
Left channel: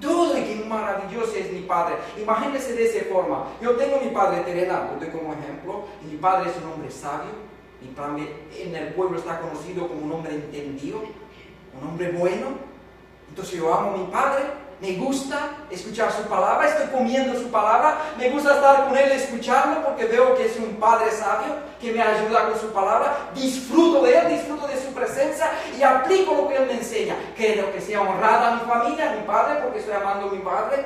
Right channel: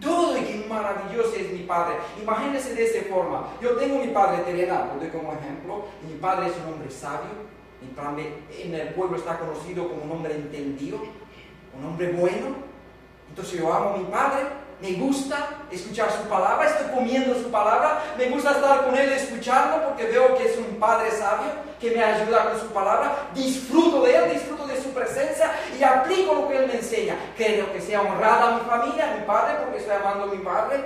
Todo de que maravilloso es mi Padre. Imagínense de esa forma. Yo tengo mi Padre terrenal, lo doy como ejemplo, y mi Padre es un hombre sabio. Mi Padre en el pueblo está conocido como un hombre entendido, un hombre bueno. Entonces yo amo a mi Padre, me gusta escuchar su palabra, estoy comiendo su palabra, me gusta estar con Él, escucharlo, porque veo que es un Padre sabio, que me ayuda con su palabra, disfruto de Él, disfruto de su presencia y aplico lo que Él me enseña. Quiero que sea honrada mi familia, mi Padre, porque estoy amando a mi Padre.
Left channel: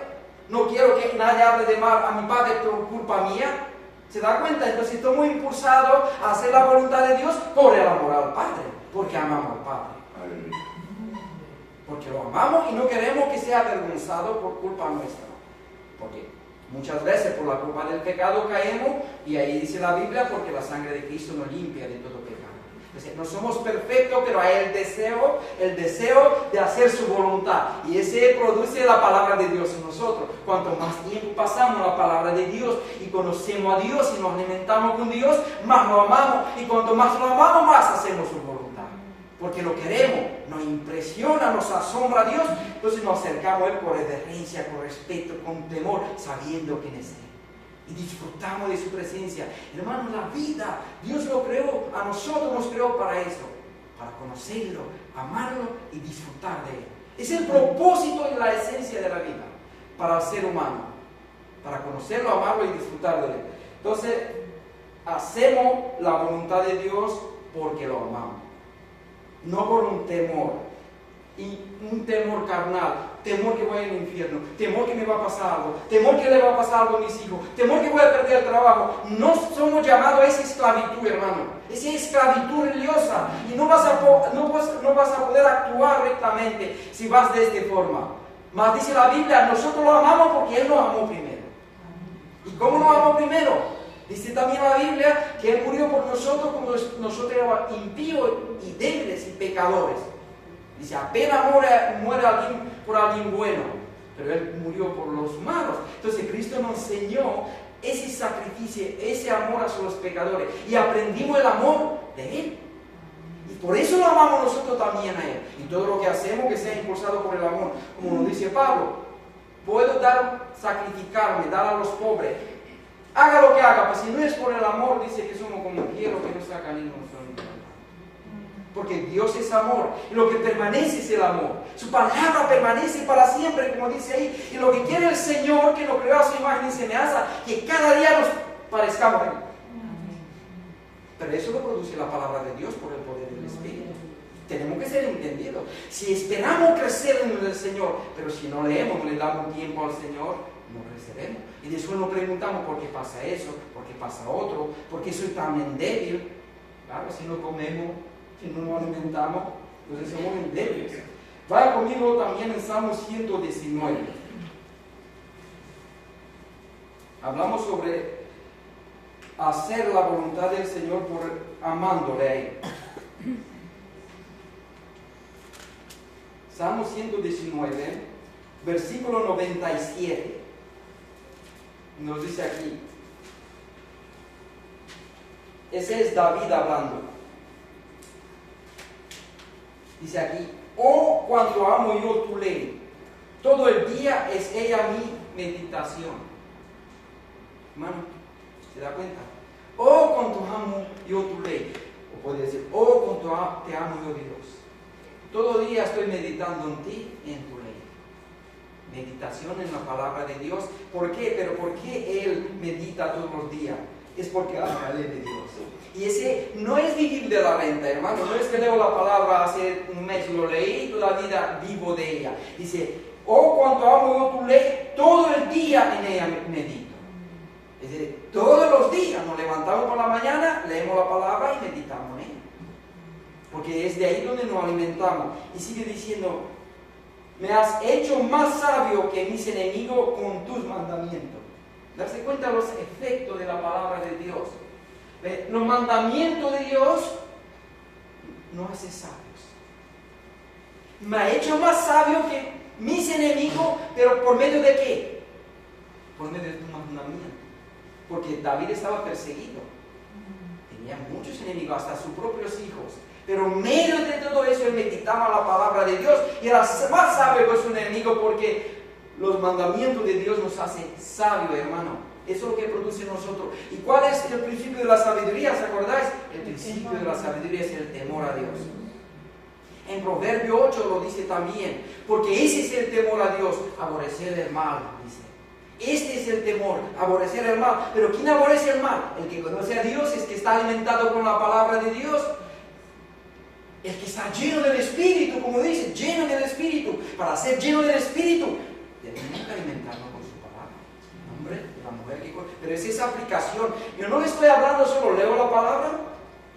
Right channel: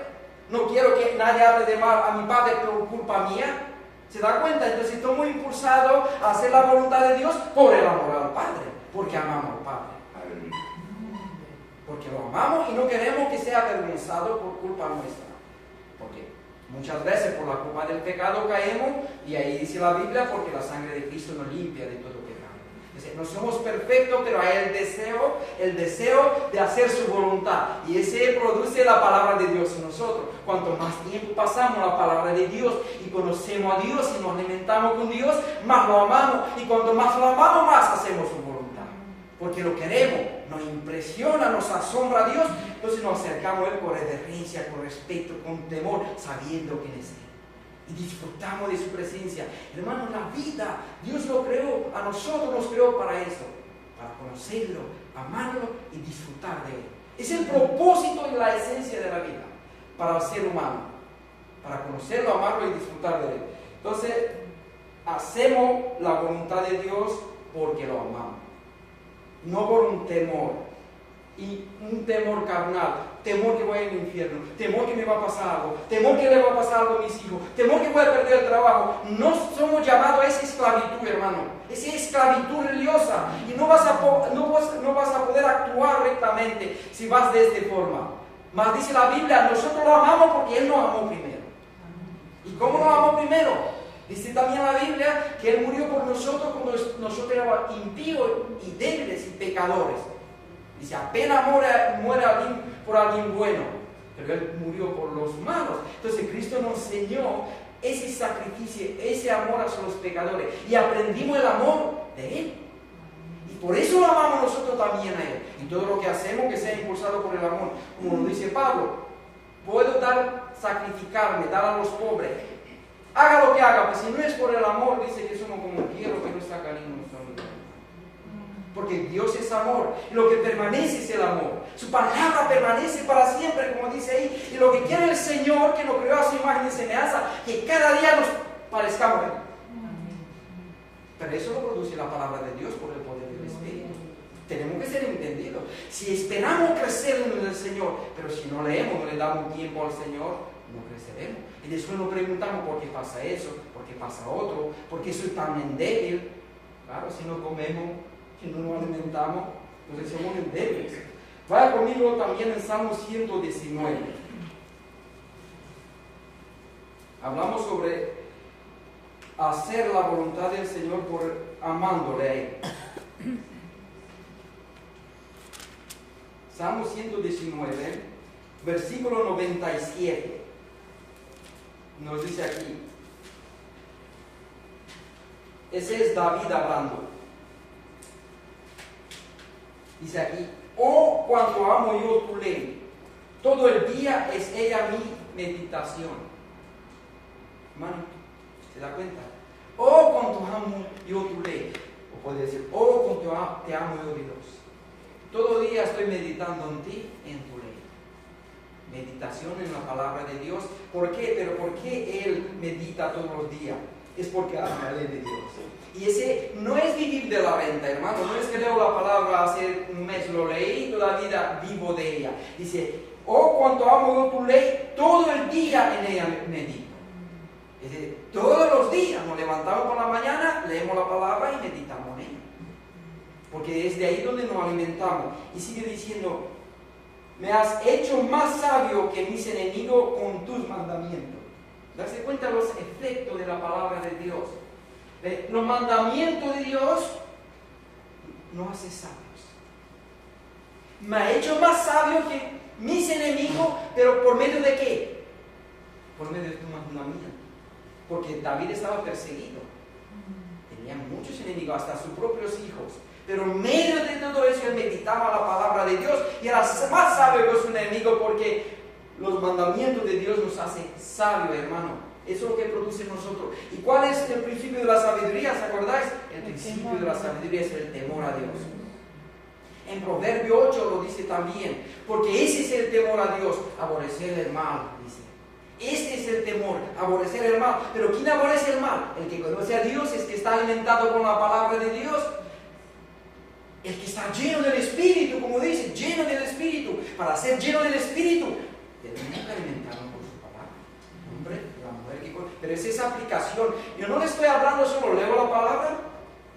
No quiero que nadie hable de mal a mi Padre por culpa mía. ¿Se da cuenta? Entonces estoy muy impulsado a hacer la voluntad de Dios por el amor al Padre, porque amamos al Padre. Porque lo amamos y no queremos que sea avergonzado por culpa nuestra. Porque muchas veces por la culpa del pecado caemos, y ahí dice la Biblia, porque la sangre de Cristo nos limpia de todo pecado. Entonces, no somos perfectos, pero hay el deseo de hacer su voluntad. Y ese produce la palabra de Dios en nosotros. Cuanto más tiempo pasamos la palabra de Dios y conocemos a Dios y nos alimentamos con Dios, más lo amamos. Y cuanto más lo amamos, más hacemos su voluntad. Porque lo queremos, nos impresiona, nos asombra a Dios. Entonces nos acercamos a Él con reverencia, con respeto, con temor, sabiendo quién es Él. Y disfrutamos de su presencia. Hermanos, la vida, Dios lo creó, a nosotros nos creó para eso, para conocerlo, amarlo y disfrutar de Él. Es el propósito y la esencia de la vida para el ser humano, para conocerlo, amarlo y disfrutar de Él. Entonces, hacemos la voluntad de Dios porque lo amamos, no por un temor, y un temor carnal, temor que voy al infierno, temor que me va a pasar algo, temor que le va a pasar algo a mis hijos, temor que voy a perder el trabajo. No somos llamados a esa esclavitud, hermano, esa esclavitud religiosa, y no vas a poder actuar rectamente si vas de esta forma. Mas dice la Biblia, nosotros lo amamos porque Él nos amó primero. ¿Y cómo nos amó primero? Dice también la Biblia que Él murió por nosotros cuando nosotros éramos impíos y débiles y pecadores. Dice, apenas muere alguien por alguien bueno, pero Él murió por los humanos. Entonces Cristo nos enseñó ese sacrificio, ese amor hacia los pecadores, y aprendimos el amor de Él. Y por eso lo amamos nosotros también a Él. Y todo lo que hacemos que sea impulsado por el amor. Como nos dice Pablo, puedo sacrificarme, dar a los pobres. Haga lo que haga, pues si no es por el amor, dice que somos como quiero que no sacan ni no son. Porque Dios es amor, y lo que permanece es el amor. Su palabra permanece para siempre, como dice ahí. Y lo que quiere el Señor, que nos creó a su imagen y semejanza, que cada día nos parezcamos a Él. Pero eso lo produce la palabra de Dios por el poder del Espíritu. Tenemos que ser entendidos. Si esperamos crecer en el Señor, pero si no leemos, no le damos tiempo al Señor, no creceremos. Y después nos preguntamos por qué pasa eso, por qué pasa otro, por qué soy tan débil. Claro, si no comemos, si no nos alimentamos, entonces somos débiles. Vaya conmigo también en Salmo 119. Hablamos sobre hacer la voluntad del Señor por amándole a Él. Salmo 119, versículo 97. Nos dice aquí. Ese es David hablando. Dice aquí, oh, cuando amo yo tu ley, todo el día es ella mi meditación. Hermano, ¿se da cuenta? Oh, cuando amo yo tu ley. O puede decir, oh, cuánto te amo yo, Dios. Todo día estoy meditando en ti, en tu ley. Meditación en la palabra de Dios. ¿Por qué? Pero ¿por qué él medita todos los días? Es porque ama la ley de Dios. Y ese no es vivir de la renta, hermano. No es que leo la palabra hace un mes, lo leí y toda la vida vivo de ella. Dice, oh, cuánto amo yo tu ley, todo el día en ella medito. Es decir, todos los días nos levantamos por la mañana, leemos la palabra y meditamos en ella. Porque es de ahí donde nos alimentamos. Y sigue diciendo, me has hecho más sabio que mis enemigos con tus mandamientos. Darse cuenta de los efectos de la palabra de Dios. Los mandamientos de Dios nos hacen sabios. Me ha hecho más sabio que mis enemigos, pero ¿por medio de qué? Por medio de tus mandamientos. Porque David estaba perseguido. Tenía muchos enemigos, hasta sus propios hijos. Pero en medio de todo eso él meditaba la palabra de Dios y era más sabio que su enemigo, porque los mandamientos de Dios nos hacen sabios, hermano. Eso es lo que produce en nosotros. ¿Y cuál es el principio de la sabiduría? ¿Se acordáis? El principio de la sabiduría es el temor a Dios. En Proverbio 8 lo dice también, porque ese es el temor a Dios, aborrecer el mal, dice. Este es el temor, aborrecer el mal. Pero ¿quién aborrece el mal? El que conoce a Dios, es que está alimentado con la palabra de Dios. El que está lleno del Espíritu, como dice, lleno del Espíritu. Para ser lleno del Espíritu, tenemos que alimentarnos con su palabra. El hombre, la mujer que... Pero es esa aplicación. Yo no le estoy hablando solo, leo la palabra,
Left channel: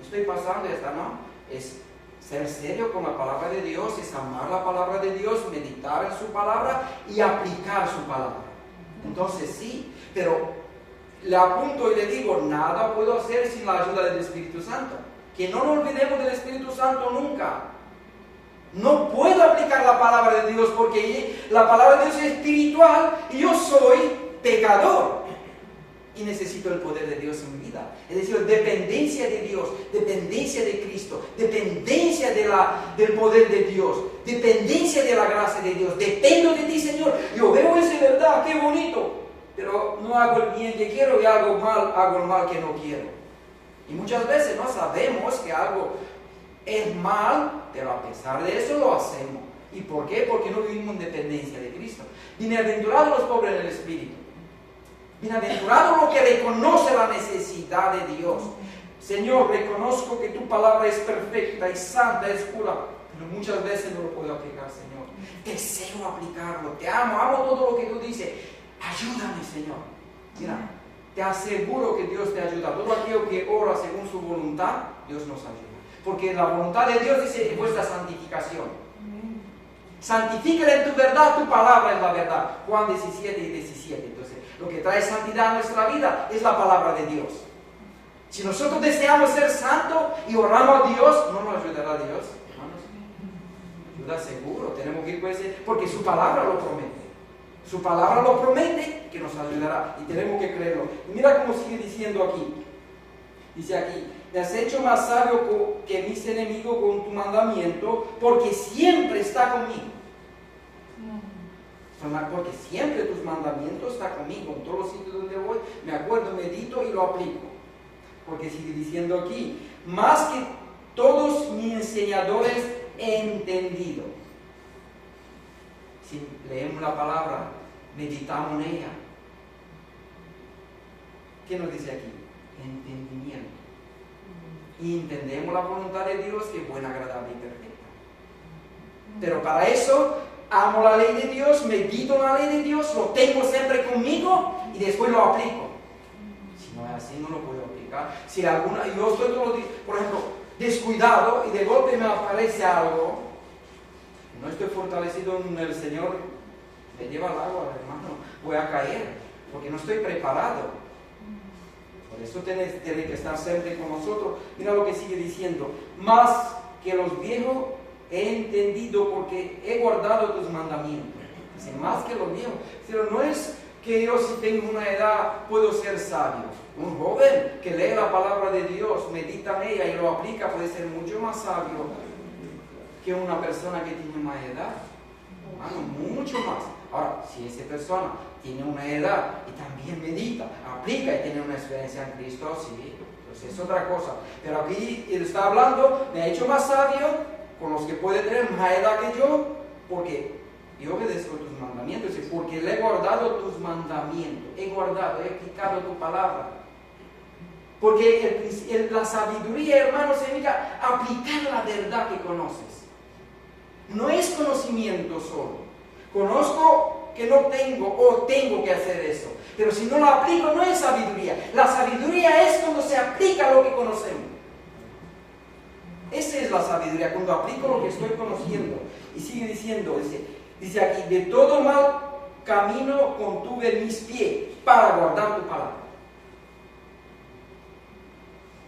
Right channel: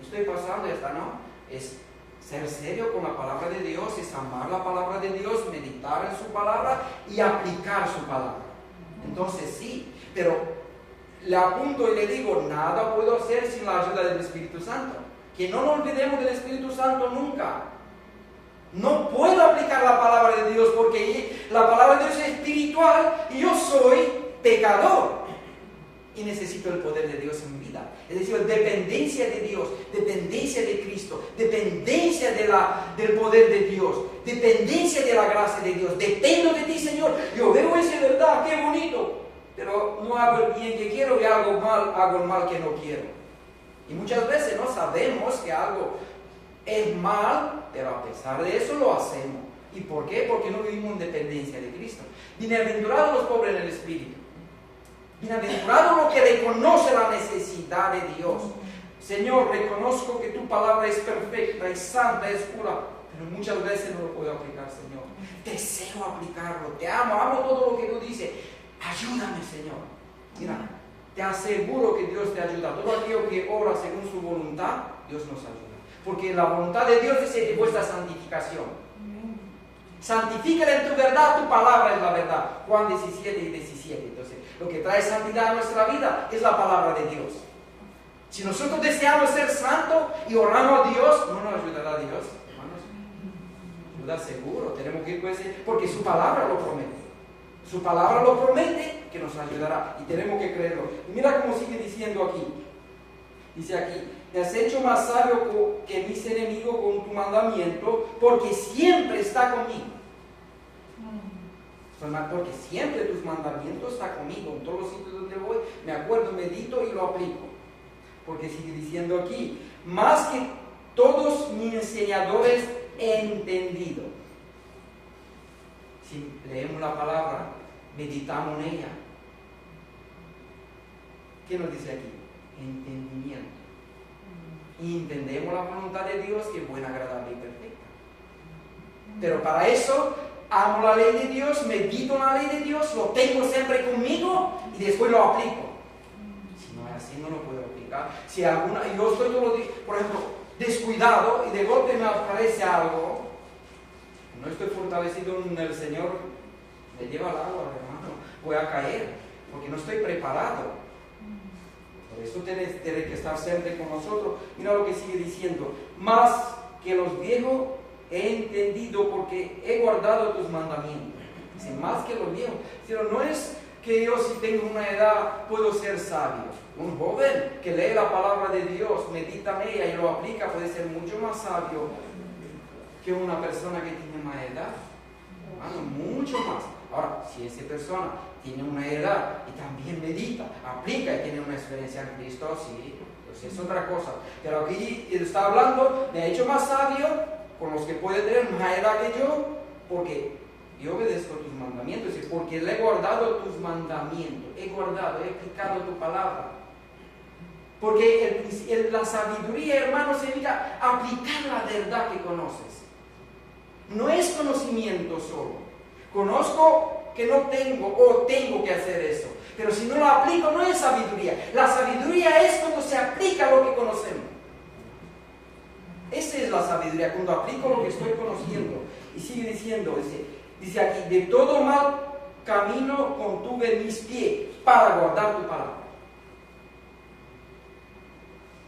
estoy pasando y ya está, no. Es ser serio con la palabra de Dios, es amar la palabra de Dios, meditar en su palabra y aplicar su palabra. Entonces sí, pero le apunto y le digo, nada puedo hacer sin la ayuda del Espíritu Santo. Que no nos olvidemos del Espíritu Santo nunca. No puedo aplicar la palabra de Dios porque la palabra de Dios es espiritual y yo soy pecador. Y necesito el poder de Dios en mi vida. Es decir, dependencia de Dios, dependencia de Cristo, dependencia del poder de Dios, dependencia de la gracia de Dios. Dependo de ti, Señor. Yo veo eso, verdad, qué bonito. Pero no hago el bien que quiero y hago el mal que no quiero. Y muchas veces no sabemos que algo es mal, pero a pesar de eso lo hacemos. ¿Y por qué? Porque no vivimos en dependencia de Cristo. Bienaventurados los pobres en el espíritu. Bienaventurados los que reconocen la necesidad de Dios. Señor, reconozco que tu palabra es perfecta y santa, es pura, pero muchas veces no lo puedo aplicar, Señor. Deseo aplicarlo, te amo todo lo que tú dices. Ayúdame, Señor. Mira, te aseguro que Dios te ayuda. Todo aquello que ora según su voluntad, Dios nos ayuda. Porque la voluntad de Dios dice vuestra santificación. Santifícala en tu verdad, tu palabra es la verdad. Juan 17 y 17. Entonces, lo que trae santidad a nuestra vida es la palabra de Dios. Si nosotros deseamos ser santos y oramos a Dios, ¿no nos ayudará Dios, hermanos? Ayuda seguro, tenemos que ir con ese, porque su palabra lo promete. Su palabra lo promete que nos ayudará y tenemos que creerlo. Y mira cómo sigue diciendo aquí. Dice aquí, me has hecho más sabio que mis enemigos con tu mandamiento, porque siempre está conmigo. Porque siempre tus mandamientos están conmigo. En todos los sitios donde voy, me acuerdo, medito y lo aplico. Porque sigue diciendo aquí, más que todos mis enseñadores he entendido. Si leemos la palabra, meditamos en ella, ¿qué nos dice aquí? Entendimiento. Y entendemos la voluntad de Dios, que es buena, agradable y perfecta. Pero para eso, amo la ley de Dios, medito en la ley de Dios, lo tengo siempre conmigo y después lo aplico. Si no es así, no lo puedo aplicar. Si yo estoy todos los días, por ejemplo, descuidado y de golpe me aparece algo, no estoy fortalecido en el Señor, me lleva al agua, hermano, voy a caer, porque no estoy preparado. Por eso tiene que estar siempre con nosotros. Mira lo que sigue diciendo, más que los viejos he entendido porque he guardado tus mandamientos. Dice, más que los viejos. Pero no es que yo, si tengo una edad, puedo ser sabio. Un joven que lee la palabra de Dios, medita en ella y lo aplica, puede ser mucho más sabio que una persona que tiene una edad. Hermano, mucho más. Ahora, si esa persona tiene una edad y también medita, aplica y tiene una experiencia en Cristo, sí, pues es otra cosa. Pero aquí él está hablando, me ha hecho más sabio con los que puede tener más edad que yo, porque yo obedezco tus mandamientos, y porque le he guardado tus mandamientos, he aplicado tu palabra. Porque la sabiduría, hermano, significa aplicar la verdad que conoces. No es conocimiento solo. Conozco que no tengo o tengo que hacer eso. Pero si no lo aplico, no es sabiduría. La sabiduría es cuando se aplica lo que conocemos. Esa es la sabiduría, cuando aplico lo que estoy conociendo. Y sigue diciendo, dice aquí, de todo mal camino contuve mis pies para guardar tu palabra.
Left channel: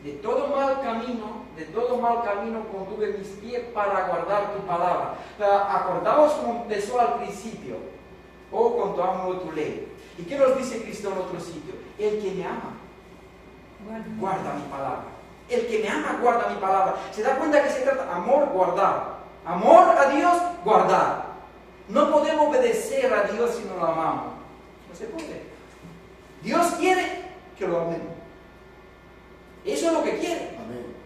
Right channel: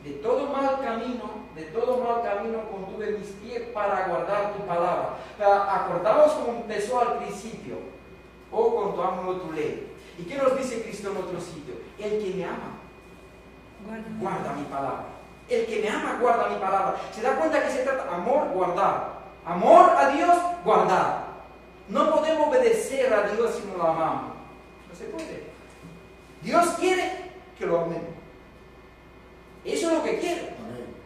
De todo mal camino contuve mis pies para guardar tu palabra. Acordaos como empezó al principio, cuanto amo tu ley. ¿Y qué nos dice Cristo en otro sitio? El que me ama, guarda mi palabra. El que me ama, guarda mi palabra. ¿Se da cuenta que se trata de amor, guardar? Amor a Dios, guardar. No podemos obedecer a Dios si no lo amamos. No se puede. Dios quiere que lo amemos. Eso es lo que quiere.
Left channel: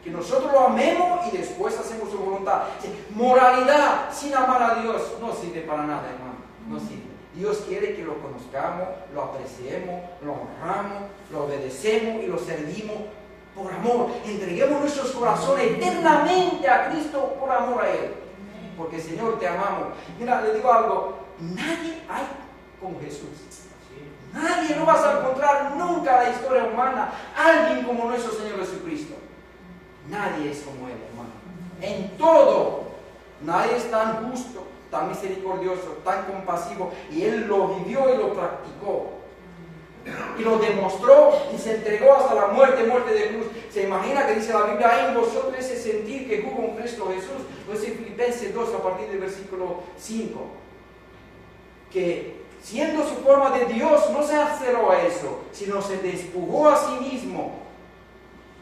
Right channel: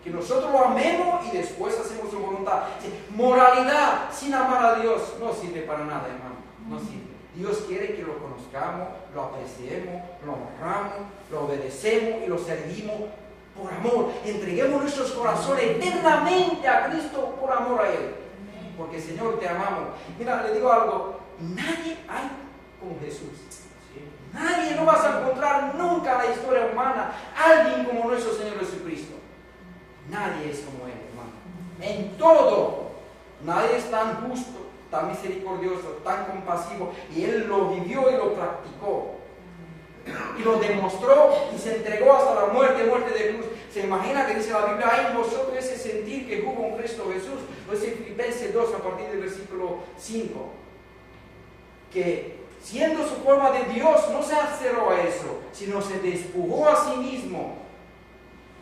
Que nosotros lo amemos y después hacemos su voluntad. Moralidad sin amar a Dios no sirve para nada, hermano. No sirve. Dios quiere que lo conozcamos, lo apreciemos, lo honramos, lo obedecemos y lo servimos por amor. Entreguemos nuestros corazones eternamente a Cristo por amor a Él. Porque Señor, te amamos. Mira, le digo algo. Nadie hay como Jesús. Nadie, no vas a encontrar nunca en la historia humana alguien como nuestro Señor Jesucristo. Nadie es como Él, hermano. En todo. Nadie es tan justo, tan misericordioso, tan compasivo. Y Él lo vivió y lo practicó. Y lo demostró y se entregó hasta la muerte de cruz. Se imagina que dice la Biblia, hay en vosotros ese sentir que hubo en Cristo Jesús. Pues en Filipenses 2, a partir del versículo 5. Que siendo su forma de Dios, no se aferró a eso, sino se despojó a sí mismo.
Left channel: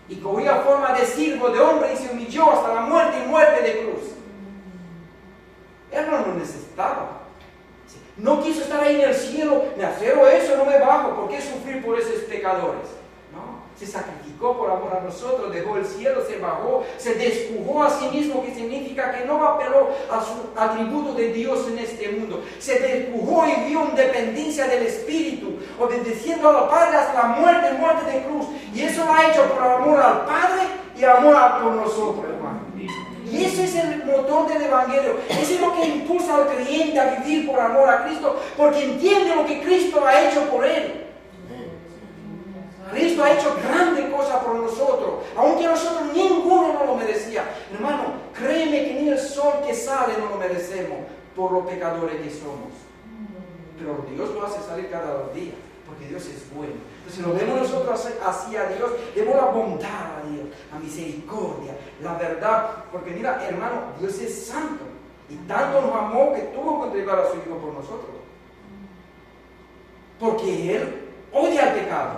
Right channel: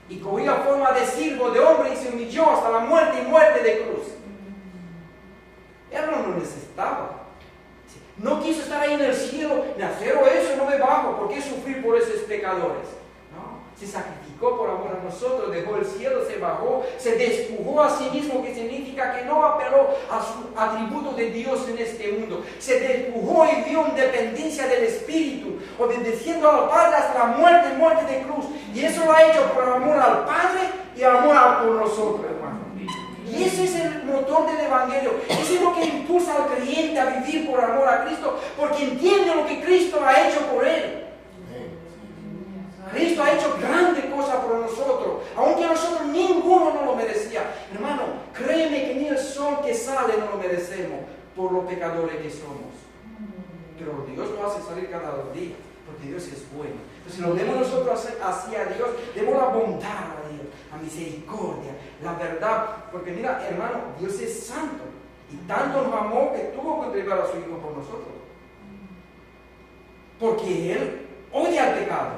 Y cogió forma de siervo de hombre y se humilló hasta la muerte y muerte de cruz. Él no lo necesitaba. No quiso estar ahí en el cielo, me aferro a eso, no me bajo. ¿Por qué sufrir por esos pecadores? No, se sacrificó por amor a nosotros, dejó el cielo, se bajó, se despojó a sí mismo, que significa que no apeló a su atributo de Dios en este mundo. Se despojó y vivió en dependencia del Espíritu, obedeciendo al Padre hasta la muerte de cruz. Y eso lo ha hecho por amor al Padre y amor por nosotros, hermano. Y eso es el motor del Evangelio. Eso es lo que impulsa al creyente a vivir por amor a Cristo, porque entiende lo que Cristo ha hecho por él. Cristo ha hecho grandes cosas por nosotros, aunque nosotros ninguno no lo merecía. Hermano, créeme que ni el sol que sale no lo merecemos por los pecadores que somos. Pero Dios lo hace salir cada 2 días, porque Dios es bueno. Entonces, si lo vemos nosotros hacia Dios, vemos la bondad a Dios, la misericordia, la verdad. Porque mira, hermano, Dios es santo. Y tanto nos amó que tuvo que entregar a su Hijo por nosotros. Porque Él odia el pecado,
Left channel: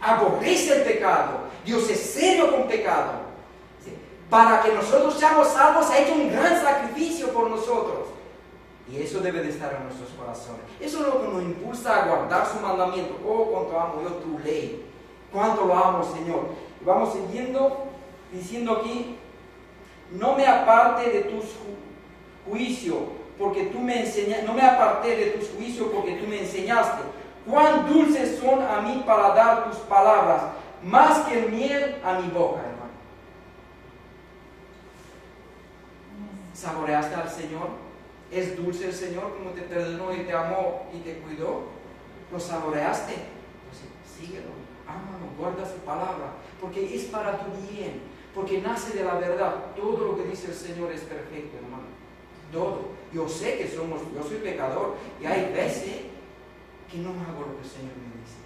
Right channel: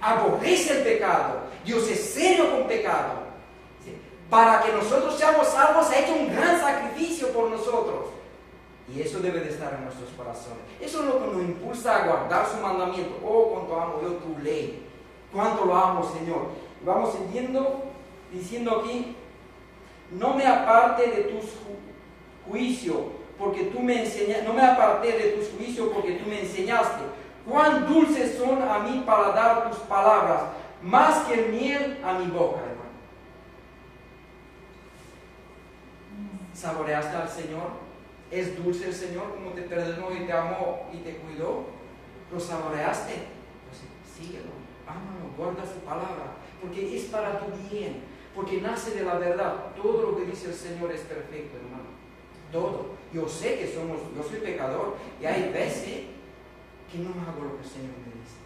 aborrece el pecado. Dios es serio con pecado. Para que nosotros seamos salvos, ha hecho un gran sacrificio por nosotros. Y eso debe de estar en nuestros corazones. Eso es lo que nos impulsa a guardar su mandamiento. Oh, cuánto amo yo tu ley. Cuánto lo amo, Señor. Y vamos siguiendo, diciendo aquí, no me aparte de tus juicios, porque tú me enseñaste. No me aparté de tus juicios, porque tú me enseñaste. Cuán dulces son a mí para dar tus palabras, más que miel a mi boca, hermano. ¿Saboreaste al Señor? ¿Es dulce el Señor como te perdonó y te amó y te cuidó? ¿Lo saboreaste? Entonces síguelo, ámalo, guarda su palabra, porque es para tu bien, porque nace de la verdad. Todo lo que dice el Señor es perfecto, hermano. Todo. Yo sé que yo soy pecador y hay veces que no hago lo que el Señor me dice.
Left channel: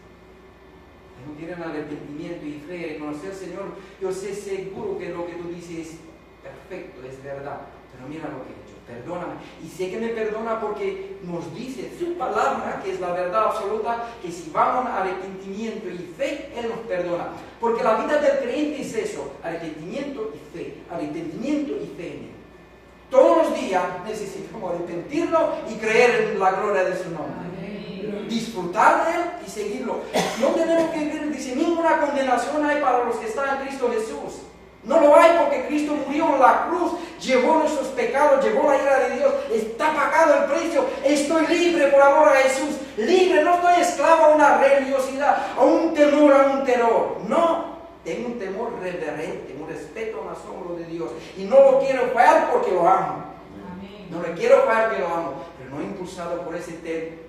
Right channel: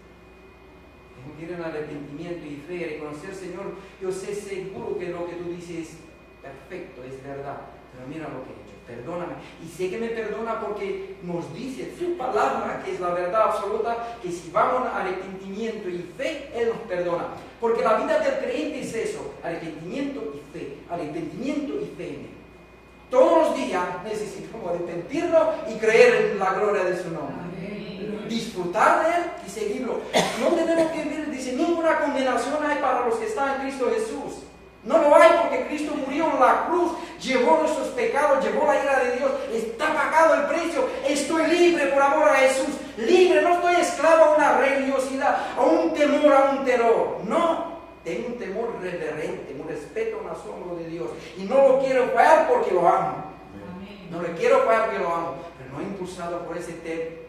Tengo que ir en arrepentimiento y fe y reconocer, Señor, yo sé seguro que lo que tú dices es perfecto, es verdad, pero mira lo que he hecho. Perdóname. Y sé que me perdona porque nos dice su palabra, que es la verdad absoluta, que si vamos a arrepentimiento y fe, Él nos perdona. Porque la vida del creyente es eso, arrepentimiento y fe, arrepentimiento y fe en Él. Todos los días necesitamos arrepentirnos y creer en la gloria de su nombre. disfrutar de Él y seguirlo. No tenemos que vivir, dice, ninguna condenación hay para los que están en Cristo Jesús. No lo hay porque Cristo murió en la cruz, llevó nuestros pecados, llevó la ira de Dios, está pagado el precio. Estoy libre por amor a Jesús, libre, no estoy esclavo a una religiosidad, a un temor, a un terror. No, tengo un temor reverente, un respeto, un asombro de Dios. Y no lo quiero fallar porque lo amo. No le quiero fallar que lo amo, pero no impulsado por ese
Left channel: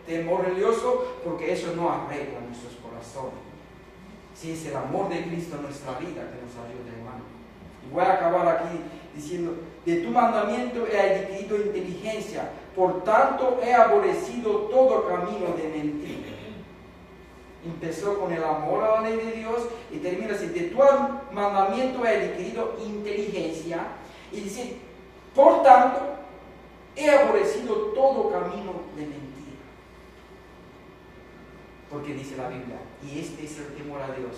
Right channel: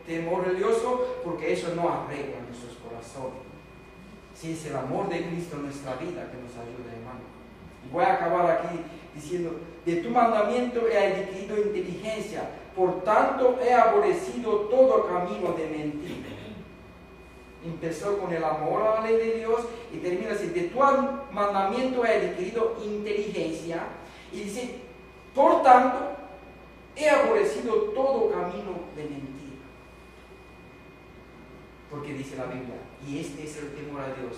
temor religioso, porque eso no arregla nuestros corazones. Si es el amor de Cristo en nuestra vida que nos ayuda, hermano. Voy a acabar aquí diciendo, de tu mandamiento he adquirido inteligencia, por tanto he aborrecido todo camino de mentira. Empezó con el amor a la ley de Dios y termina así, de tu mandamiento he adquirido inteligencia, y dice, por tanto he aborrecido todo camino de mentira. Porque dice la Biblia, y este es el temor a Dios,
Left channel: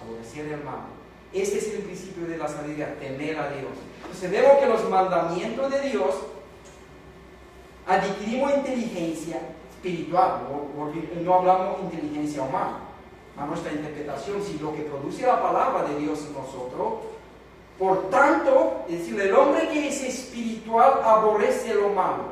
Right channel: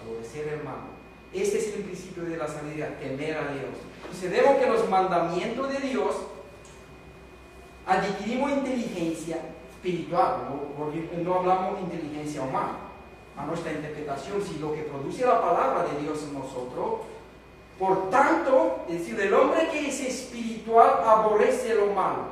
aborrecer al hermano. Este es el principio de la sabiduría, temer a Dios. Entonces vemos que los mandamientos de Dios adquirimos inteligencia espiritual, no hablamos de inteligencia humana, a nuestra interpretación, si lo que produce la palabra de Dios en nosotros. Por tanto, es decir, el hombre que es espiritual aborrece lo malo.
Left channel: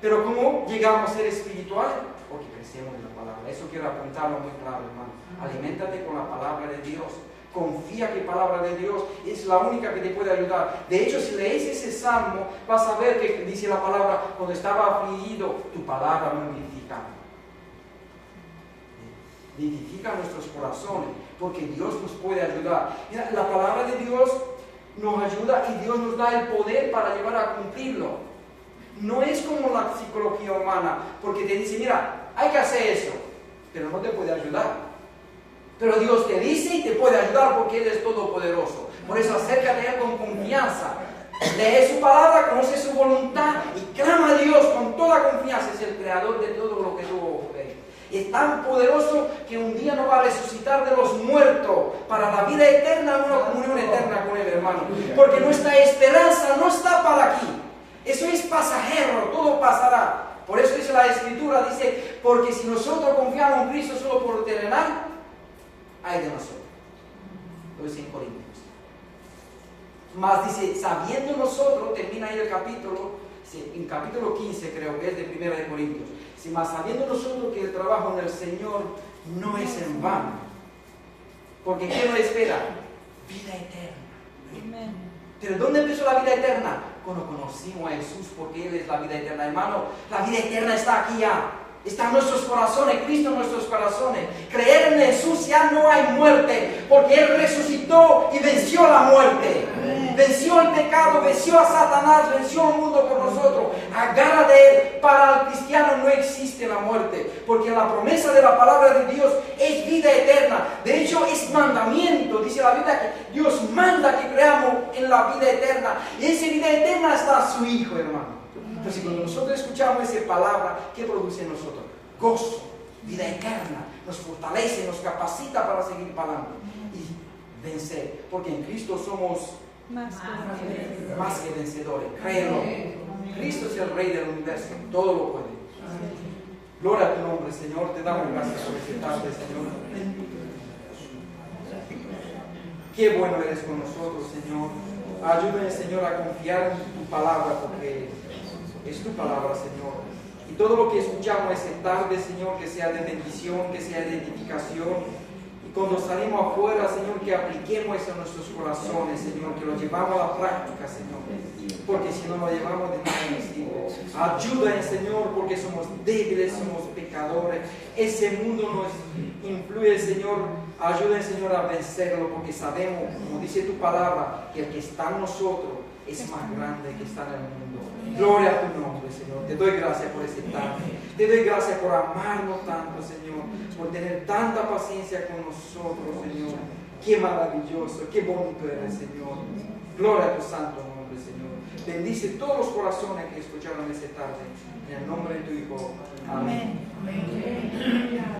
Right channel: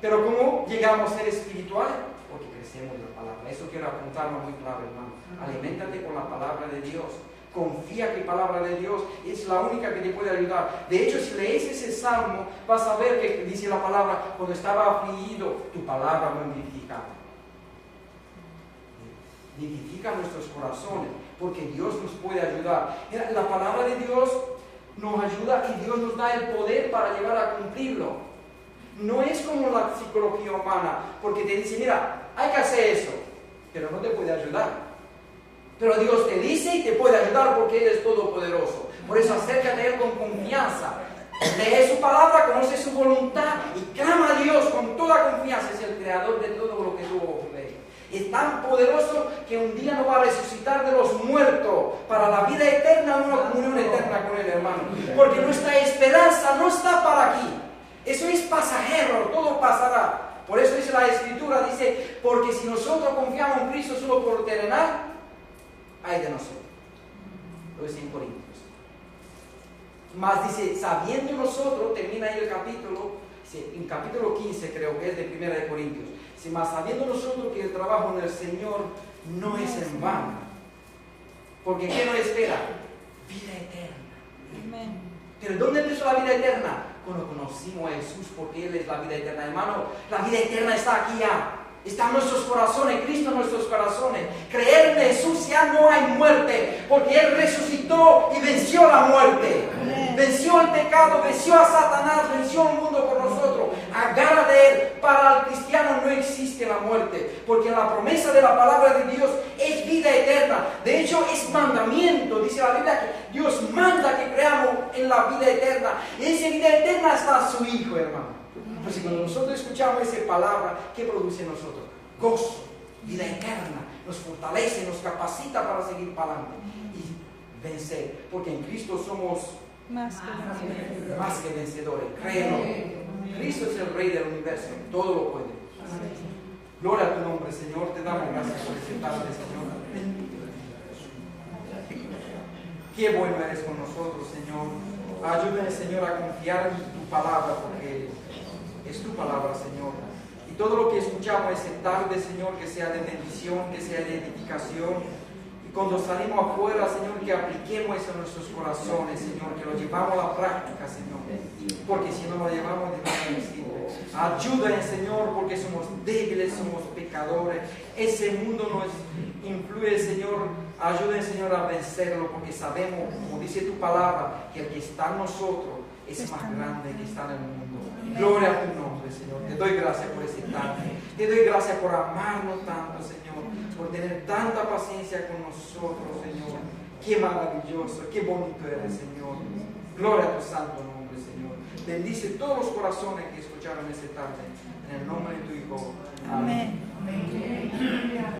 Pero ¿cómo llegamos a ser espirituales? Porque crecemos en la palabra. Eso quiero apuntarlo muy claro, hermano. Aliméntate con la palabra de Dios. Confía que la palabra de Dios es la única que te puede ayudar. De hecho, si lees ese salmo, vas a ver que dice la palabra, cuando estaba afligido, tu palabra me vivifica. Vivifica nuestros corazones, porque Dios nos puede ayudar. Mira, la palabra de Dios nos ayuda y Dios nos da el poder para llevar a cumplirlo. No es como la psicología humana, porque te dice, mira, hay que hacer eso, pero no te puede ayudar. Pero Dios te dice y te puede ayudar porque Él es todopoderoso. Por eso acércate a Él con confianza. Lee su palabra, conoce su voluntad y clama a Dios con toda confianza. Es el creador de todo lo que tú ves. Es tan poderoso que un día nos va a resucitar de los muertos para la vida eterna, una comunión eterna con Él, hermano. Porque nuestra esperanza no está para aquí. Eso es pasajero, todo pasará. Por eso dice la Escritura, dice, porque si nosotros confiamos en Cristo solo por lo terrenal, hay de nosotros. Lo dice en Corintios. Más dice, sabiendo nosotros, termina ahí el capítulo, en capítulo 15 creo que es de 1 de Corintios. Dice, más sabiendo nosotros que el trabajo en el Señor no es en vano. Porque ¿qué nos espera? Vida eterna. ¿Pero dónde empezó la vida eterna? Cuando conocimos a Jesús, porque Él es la vida eterna. Hermano, la vida eterna está aquí ya. Está en nuestros corazones, Cristo en nuestros corazones. Creer en Jesús ya no hay muerte, porque Él resucitó y venció la muerte. Venció el pecado, venció a Satanás, venció el mundo por nosotros. Agarra de Él. Para el cristiano no existe la muerte, porque la promesa de la palabra de Dios es vida eterna. De hecho, es mandamiento. Dice la Biblia que Dios manda que creamos en la vida eterna. Y esa vida eterna está en su Hijo, hermano. Entonces, cuando nosotros escuchamos esa palabra, ¿qué produce en nosotros? Gozo, vida eterna, nos fortalece, nos capacita para seguir para adelante y vencer, porque en Cristo somos más que vencedores. Créelo, Cristo es el Rey del universo, todo lo puede. Gloria a tu nombre, Señor, te damos gracias por esta tarde, Señor. Qué bueno eres con nosotros, Señor. Ayúdame, Señor, a confiar en tu palabra, porque es tu palabra, Señor. Y todo lo que escuchamos esta tarde, Señor, que sea de bendición, que sea de edificación. Y cuando salimos afuera, Señor, que apliquemos eso en nuestros corazones, Señor, que lo llevamos a la práctica, Señor. Porque si no lo llevamos de nada nos sirve. Ayúdanos, Señor, porque somos débiles, somos pecadores. Ese mundo nos influye, Señor. Ayúdanos, Señor, a vencerlo, porque sabemos, como dice tu palabra, que el que está en nosotros es más grande que está en el mundo. Gloria a tu nombre, Señor. Te doy gracias por este tarde. Te doy gracias por amarnos tanto, Señor. Por tener tanta paciencia con nosotros, Señor. Qué maravilloso, qué bonito eres, Señor. Gloria a tu santo nombre, Señor. Bendice todos los corazones que escucharon esta tarde. En el nombre de tu Hijo. Amén.